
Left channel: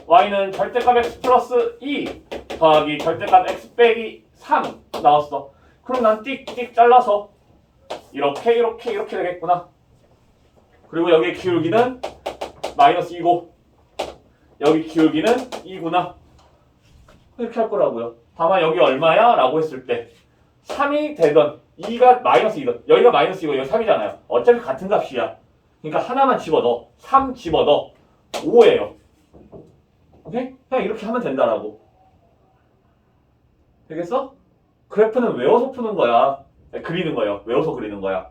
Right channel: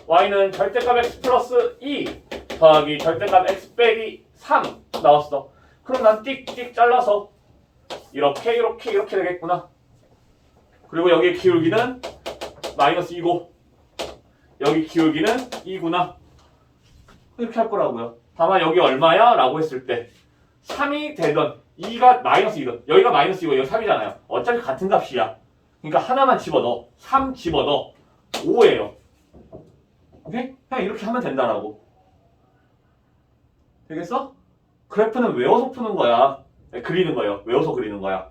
y는 절대값 x 플러스 2 더하기 절대값 x 빼기 3 나왔어. 그럼 난 띡띡 잘라서 이렇게 되겠구나. 그리고 여기 기울기는 마이너스 2고 여기 기울기는 2구나. 이렇게 할 거라고요. 다만 여기 얼마야? 라고 했을 때 3이 되던 2가 마이너스 2든 여기가 마이너스 2고 여기 3이잖아요. 어차피 같은 값이야. 그러니까 하나만 집어넣어. 3 집어넣어. 5예요. 오케이? 그냥 이렇게 하면 된다라고. 되겠어? 그래프는 외워서 푸는 거야. 아니, 그리는 거예요. 외워서 그리는 거야.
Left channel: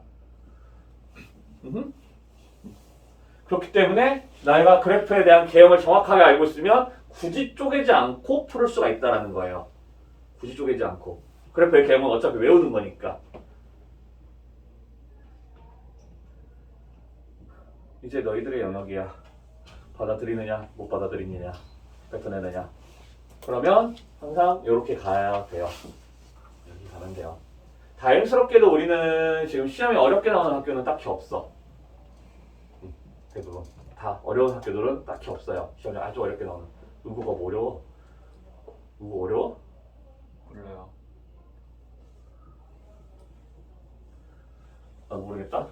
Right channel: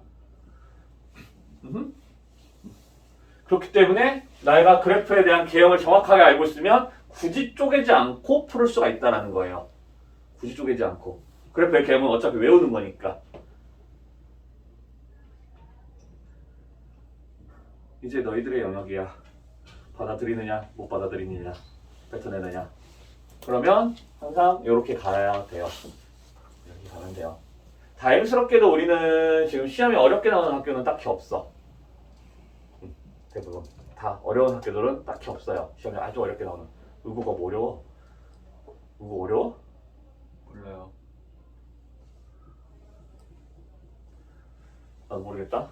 그렇기 때문에 내가 그래프에 대한 개형을 정확하게 알고 있으면 굳이 쪼개지 않고 풀을 수가 있다는 거예요. 굳이 쪼개지 않고. 그래프의 개형은 어차피 외우는 거니까. 이제 너희들의 영역이야. 받아들이느냐 못 받아들이느냐 뱉어내느냐. 그러면 항상 이렇게 가야 돼요. 이렇게 가면 돼요. 다행스럽게도 우리는 지금 시험이 어렵게 나오는 학교는 딱히 없어. 대부분 다 어려운 학교들은 딱히 없어요. 시험이 아주 어렵게 나오는. 의구가 뭐 어려워? 의구 어려워? 몰라요. 나도 모르겠다.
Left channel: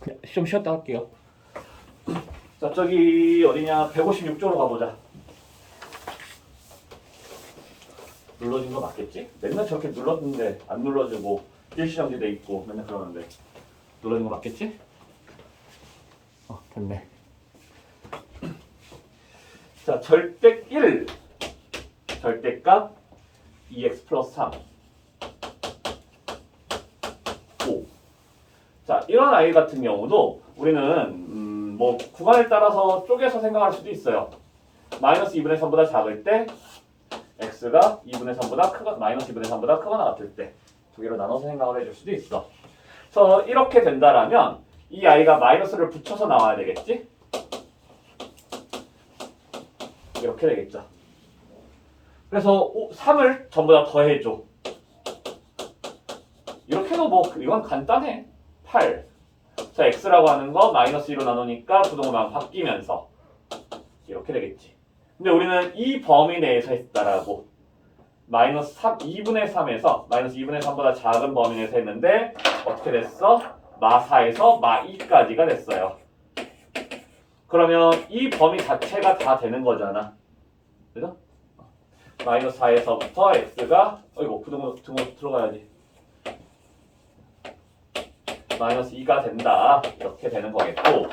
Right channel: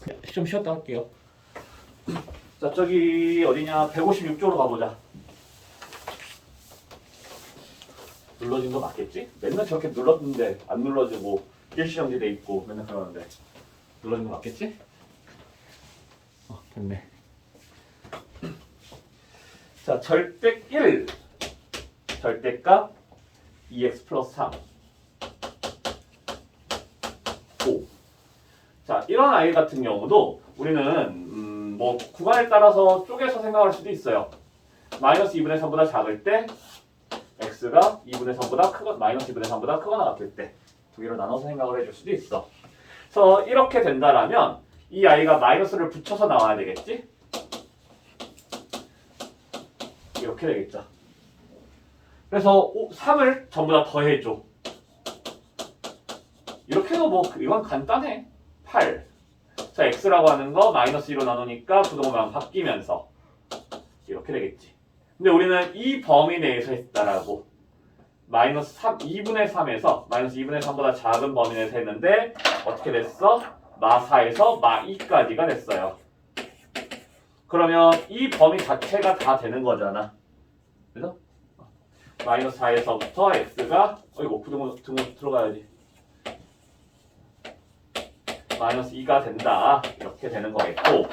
그냥 좀 쉬었다 할게요. 자, 저기 어디냐? 156조로 가보자. 눌러진 거 맞겠지? 맨날 저렇게 눌렀는데 안 눌러지고 일시정지 돼 있고 맨날 그러는데 눌러진 거 맞겠지? 됐네. 자, 절대 1 절대값 2x 플러스 3 5. 자, 이런 아이 같은 경우도 우리는 뭐 구간에 따라서 쪼개서 생각할 수도 있어요. 마이너스 2분의 3보다 작을 때 x가 2분의 3보다 크거나 마이너스 2분의 3보다 크거나 같을 때 두 개로 나눠서 생각을 해줄 수도 있어. 그래서 이렇게 된다라면 이 아이가 마이너스를 붙여서 나와야 되겠지? 이렇게 되겠죠. 그래서 3을 전부 다 더해줘. 이렇게 해도 뭐 이건 간단해. 8. 자, x라고 하는 거 마이너스 2로 나누니까 부동호만 바뀌면서 이렇게 되겠지. 근데 우리는 이 범위 내에서 했다라고. 마이너스 3, 2분의 3에서 마이너스 2분의 3보다 작은 범위 내에서 했는데 어떻게 됐어? 마4에서 마2까지가 됐어요. 그러면 이 범위 자체가 다 되는 거잖아. 그죠? 마이너스 4에서부터 x가 부동호 들어가야지. 마이너스 2가 된다. 이렇게 되는 거겠고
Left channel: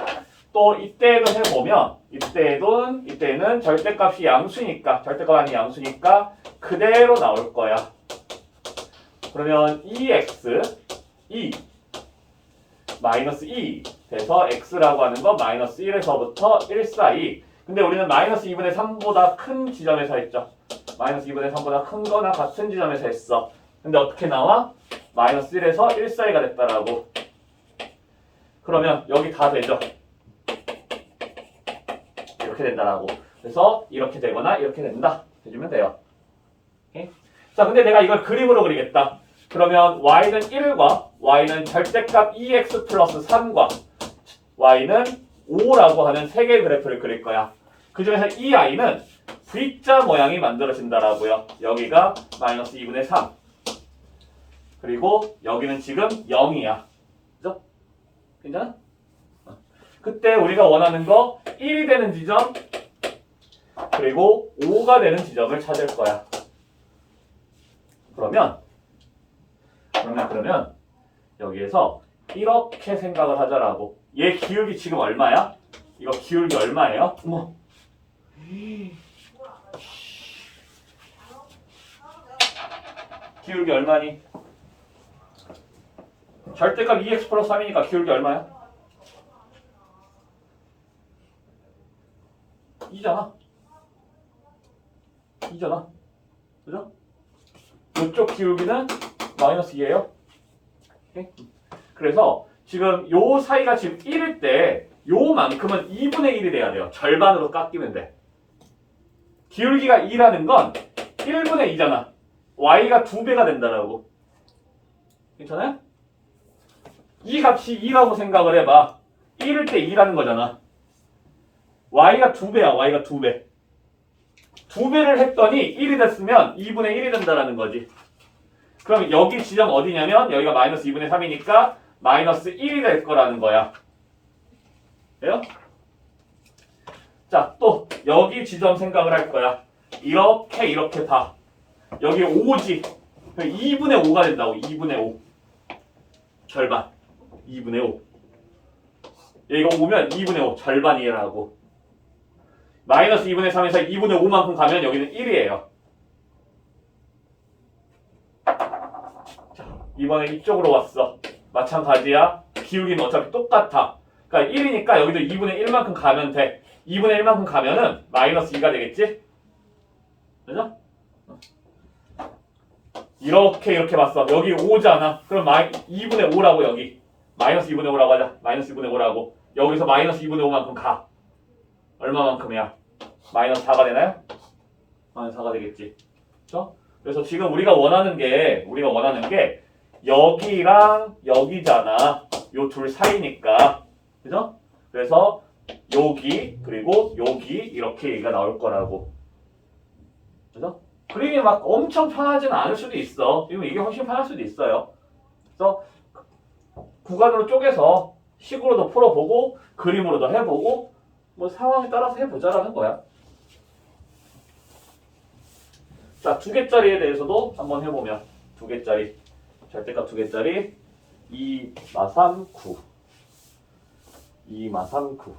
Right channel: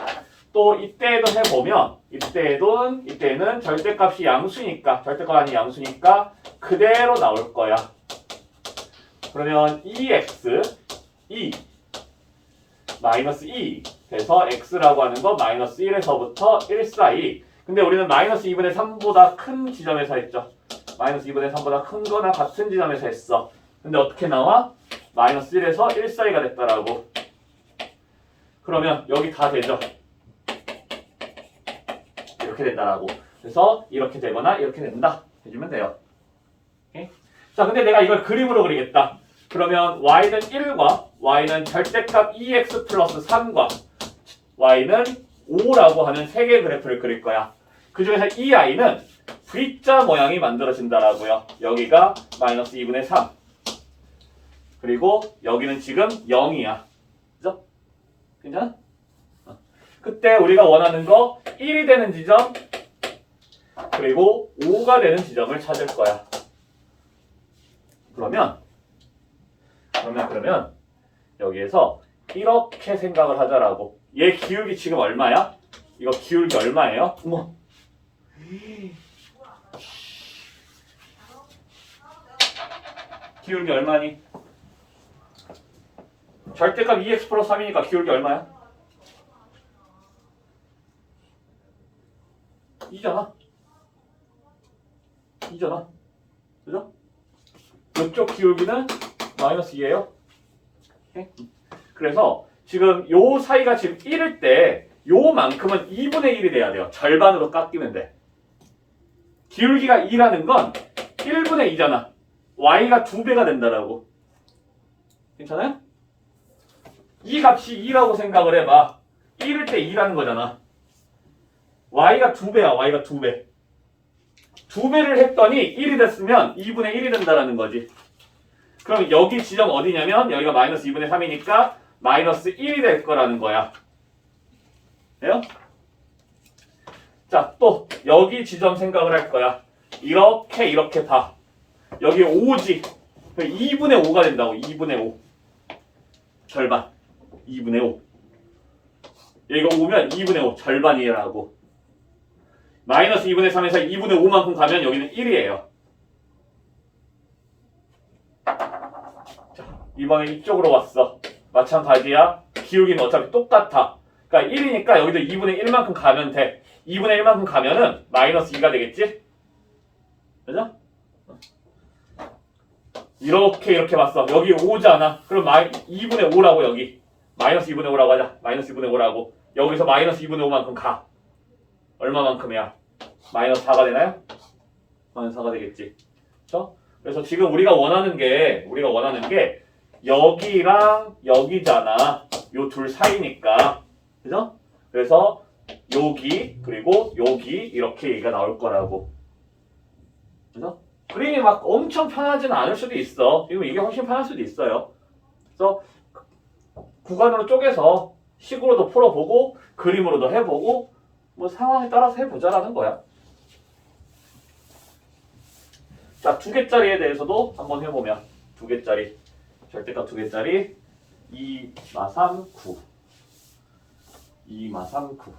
또 이때도 해보면 이때는 절대값이 양수니까 절대값 아닌 양수니까 그대로 나올 거야. 그러면 2x 2 마이너스 2 돼서 x라고 하는 거 마이너스 1에서부터 1 사이. 근데 우리는 마이너스 2분의 3보다 큰 지점에서 했죠. 마이너스 2분의 3보다 큰 거나 같은 지점에서 했어. 근데 어떻게 나와? 마이너스 1에서 1 사이가 됐다라고. 그러면 여기 다 되죠. 이렇게 된다라고. 그래서 이렇게 되거나 이렇게 된다 해주면 돼요. 오케이? 자, 근데 내가 이걸 그림으로 그리겠다. 그러면 y는 1과 y는 절대값 2x 플러스 3과 y는 5라고 하는 세 개의 그래프를 그릴 거야. 그 중에서 이 i는 V자 모양이 만들어진다라고요. 여기가 마이너스 2분의 3 그리고 여기는 지금 0이야. 그죠? 괜찮아? 그때 우리가 원하는 거 1이 되는 지점 그리고 5가 되는 지점을 찾을 거야. 그러면 여기에서 이렇게 생각을 하자라고. 얘 기울기 지금 얼마야? 이거 기울기 얼마예요? 어머. 기울기 얼마니? 절대값 2x 플러스 3이니까 기울기 얼마야? 2잖아. 그죠? 이쪽 기울기는 마이너스 2예요. 그래서 지금 요 사이가 지금 1일 때 요만큼은 2분의 1이 돼야 돼요. 절반으로 깎이면 돼. 기울기가 2라는 건 1분의 2잖아. y가 2배가 된다라고. 괜찮아요? 이 값이 2라고 생각을 해봐. 1일 때 2라는 거잖아. y가 2배야. y가 2배. 2배를 했더니 1이 됐으면 2분의 1이 된다라는 거지. 그럼 여기 지점 어디냐면 여기가 마이너스 2분의 3이니까 마이너스 1이 될 거라는 거야. 돼요? 자, 또 여기 지점 생각을 할 거야. 이렇게 봐. 여기 5지. 2분의 5가 된다고. 2분의 5. 절반. 2분의 5. 여기가 5면 2분의 5. 절반이라고. 마이너스 2분의 3에서 2분의 5만큼 가면 여기는 1이에요. 자, 이번에 이쪽으로 왔어. 마찬가지야. 기울기는 어차피 똑같아. 그러니까 1이니까 여기도 2분의 1만큼 가면 돼. 2분의 1만큼 가면은 마이너스 2가 되겠지? 그죠? 이렇게 봤어. 여기 5잖아. 그럼 2분의 5라고 여기. 마이너스 2분의 5라고 하자. 마이너스 2분의 5라고. 여기서 마이너스 2분의 5만큼 가. 얼마만큼이야? 마이너스 4가 되나요? 마이너스 4가 되겠지. 그렇죠? 그래서 지금 우리가 원하는 게 여기랑 여기잖아. 요 둘 사이니까. 그죠? 그래서 여기 그리고 여기 이렇게 얘기가 나올 거라고. 그죠? 그림이 막 엄청 편하지는 않을 수도 있어. 지금 이게 훨씬 편할 수도 있어요. 그래서 구간으로 쪼개서 식으로도 풀어보고 그림으로도 해보고 뭐 상황에 따라서 해보자라는 거야. 자, 2개짜리에 대해서도 한번 해보면 2개짜리 절대값 2개짜리 2, 마 3, 9 2, 마 3, 9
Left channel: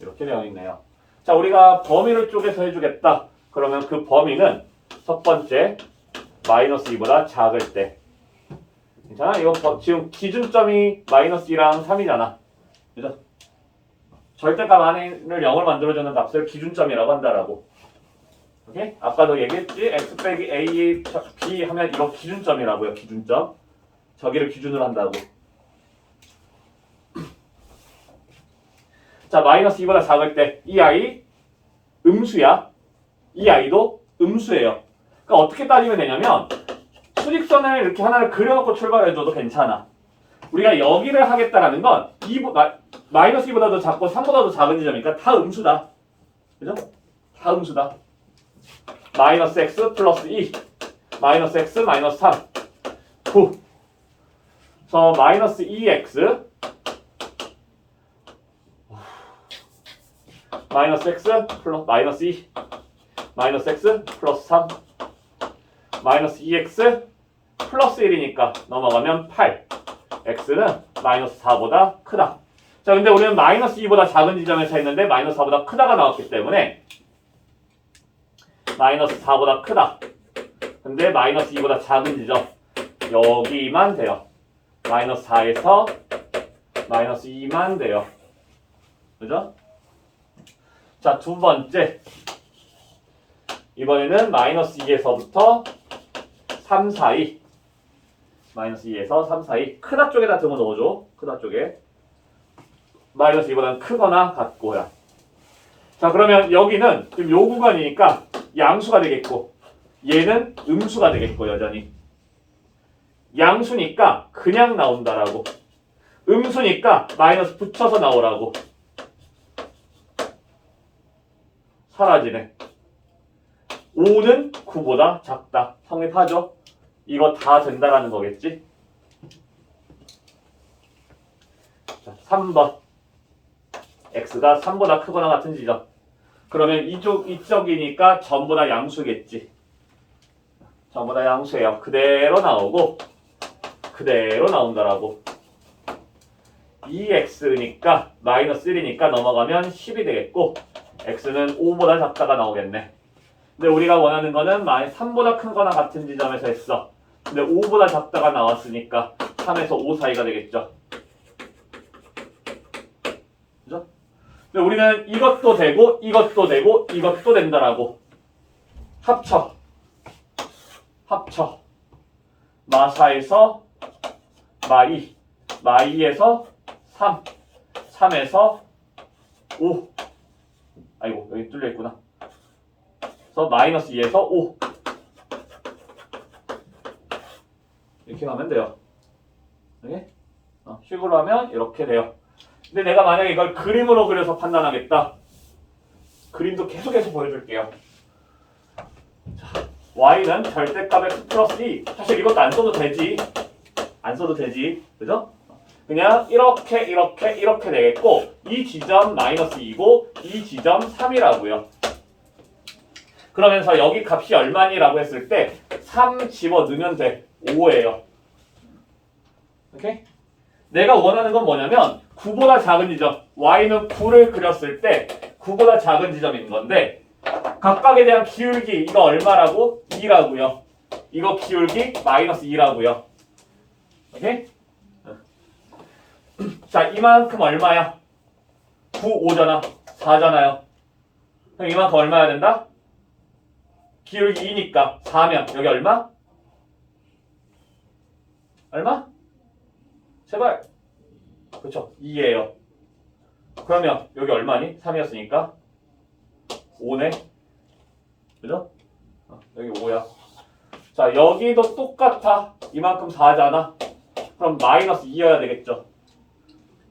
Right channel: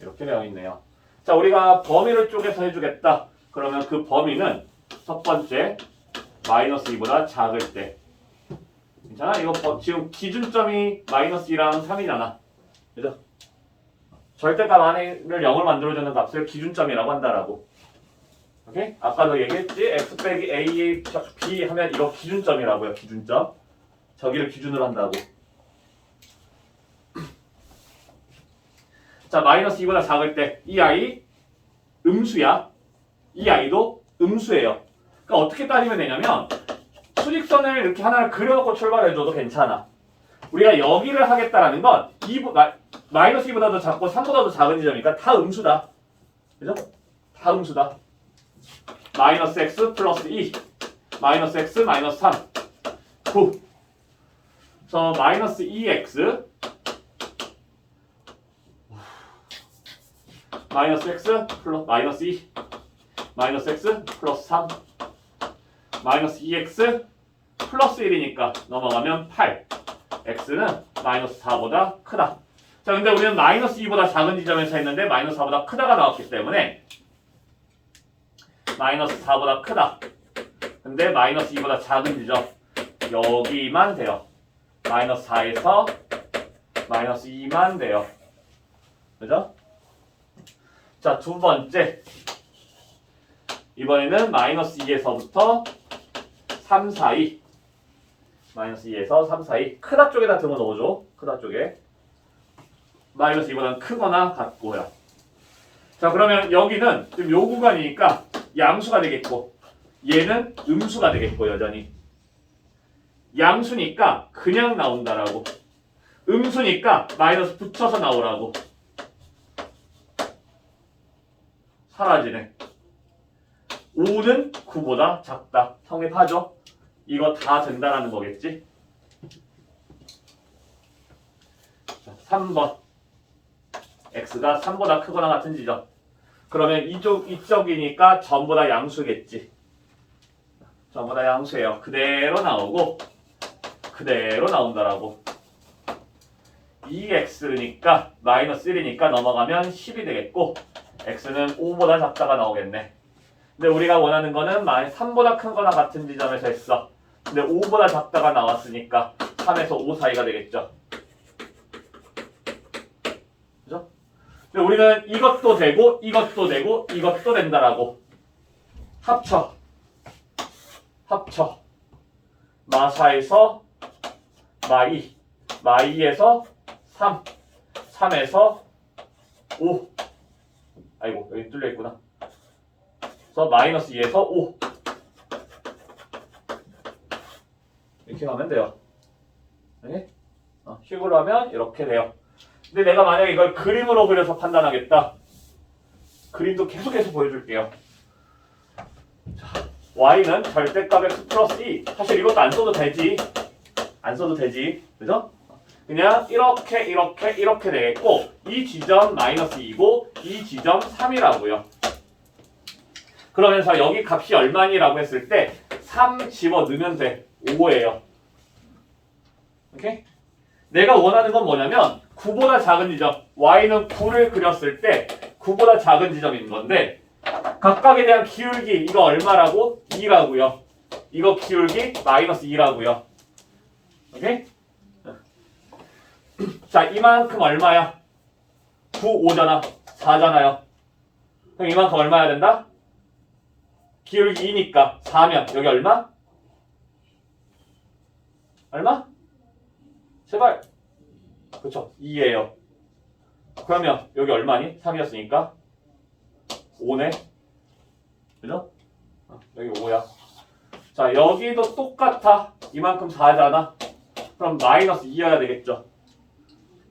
이렇게 되어 있네요. 자, 우리가 범위를 쪼개서 해주겠다. 그러면 그 범위는 첫 번째 마이너스 2보다 작을 때. 괜찮아? 이거 지금 기준점이 마이너스 2랑 3이잖아. 그죠? 절대값 안에를 0을 만들어주는 값을 기준점이라고 한다라고. 오케이? 아까도 얘기했지? x 빼기 a, b 하면 이거 기준점이라고요. 기준점. 저기를 기준으로 한다고. 자, 마이너스 2보다 작을 때 이 아이 음수야. 이 아이도 음수예요. 그러니까 어떻게 따지면 되냐면 수직선을 이렇게 하나를 그려놓고 출발해줘도 괜찮아. 우리가 여기를 하겠다라는 건 마이너스 2보다도 작고 3보다도 작은 지점이니까 다 음수다. 그죠? 다 음수다. 마이너스 x 플러스 2 마이너스 x 마이너스 3 9 그래서 마이너스 2x 마이너스 x 플러스 마이너스 2 마이너스 x 플러스 3 마이너스 2x 플러스 1이니까 넘어가면 8 x는 마이너스 4보다 크다. 자, 근데 우리는 마이너스 2보다 작은 지점에서 했는데 마이너스 4보다 크다가 나왔기 때문에 마이너스 4보다 크다. 근데 마이너스 2보다 작은 지점 여기만 돼요. 마이너스 4에서 마이너스 2만 돼요. 그죠? 자, 두 번째 이번에는 마이너스 2에서부터 3 사이 마이너스 2에서 3 사이 크다 쪽에다 등을 넣어줘. 크다 쪽에 마이너스 2보다는 크거나 같고요. 자, 그러면 여기는 지금 요 구간이니까 양수가 되겠고 얘는 음수가 되겠고 여전히 양수니까 그냥 나온다라고 음수니까 마이너스 붙여서 나오라고 사라지네. 5는 9보다 작다. 성립하죠? 이거 다 된다라는 거겠지? 자, 3번 x가 3보다 크거나 같은 지점. 그러면 이쪽이니까 전부 다 양수겠지. 전부 다 양수예요. 그대로 나오고 그대로 나온다라고. 2x니까 마이너스 1이니까 넘어가면 10이 되겠고 x는 5보다 작다가 나오겠네. 근데 우리가 원하는 거는 3보다 크거나 같은 지점에서 했어. 근데 5보다 작다가 나왔으니까 3에서 5 사이가 되겠죠. 그죠? 근데 우리는 이것도 되고 이것도 되고 이것도 된다라고. 합쳐. 마사에서 마이에서 3, 3에서 5. 아이고 여기 뚫려 있구나. 그래서 마이너스 2에서 5. 이렇게 가면 돼요. 네? 식으로 하면 이렇게 돼요. 근데 내가 만약에 이걸 그림으로 그려서 판단하겠다. 그림도 계속해서 보여줄게요. 자, y는 절대값 x 플러스 2. 사실 이것도 안 써도 되지. 안 써도 되지. 그죠? 그냥 이렇게 되겠고 이 지점 마이너스 2고 이 지점 3이라고요. 그러면서 여기 값이 얼마니라고 했을 때 3 집어넣으면 돼. 5예요. 오케이? 내가 원하는 건 뭐냐면 9보다 작은 지점 y는 9를 그렸을 때 9보다 작은 지점인 건데 각각에 대한 기울기 이거 얼마라고? 2라고요. 이거 기울기 마이너스 2라고요. 오케이? 자 이만큼 얼마야? 9, 5잖아. 4잖아요. 그럼 이만큼 얼마야 된다? 기울기 2니까 4면 여기 얼마? 얼마? 제발. 그렇죠. 2예요. 그러면 여기 얼마니? 3이었으니까 5네. 그죠? 여기 5야. 자 여기도 똑같아. 이만큼 4잖아. 그럼 마이너스 2여야 되겠죠.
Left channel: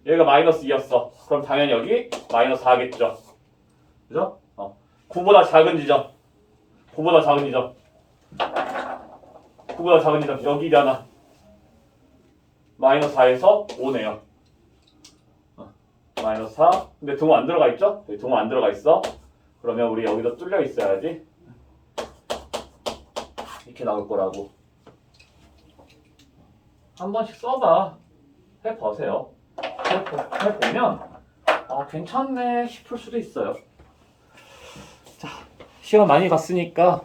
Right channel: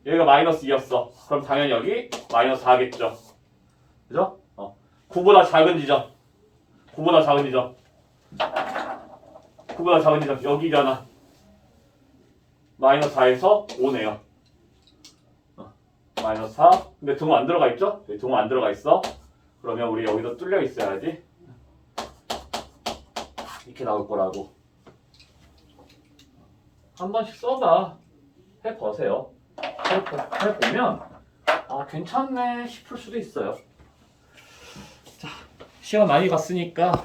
여기가 마이너스 2였어. 그럼 당연히 여기 마이너스 4겠죠. 그죠? 9보다 작은 지점. 9보다 작은 지점. 9보다 작은 지점 여기잖아. 마이너스 4에서 5네요. 마이너스 4. 근데 등호 안 들어가 있죠? 여기 등호 안 들어가 있어. 그러면 우리 여기도 뚫려 있어야지. 이렇게 나올 거라고. 한 번씩 써봐. 해보세요. 해보면 괜찮네 싶을 수도 있어요. 자, 시간 많이 갔으니까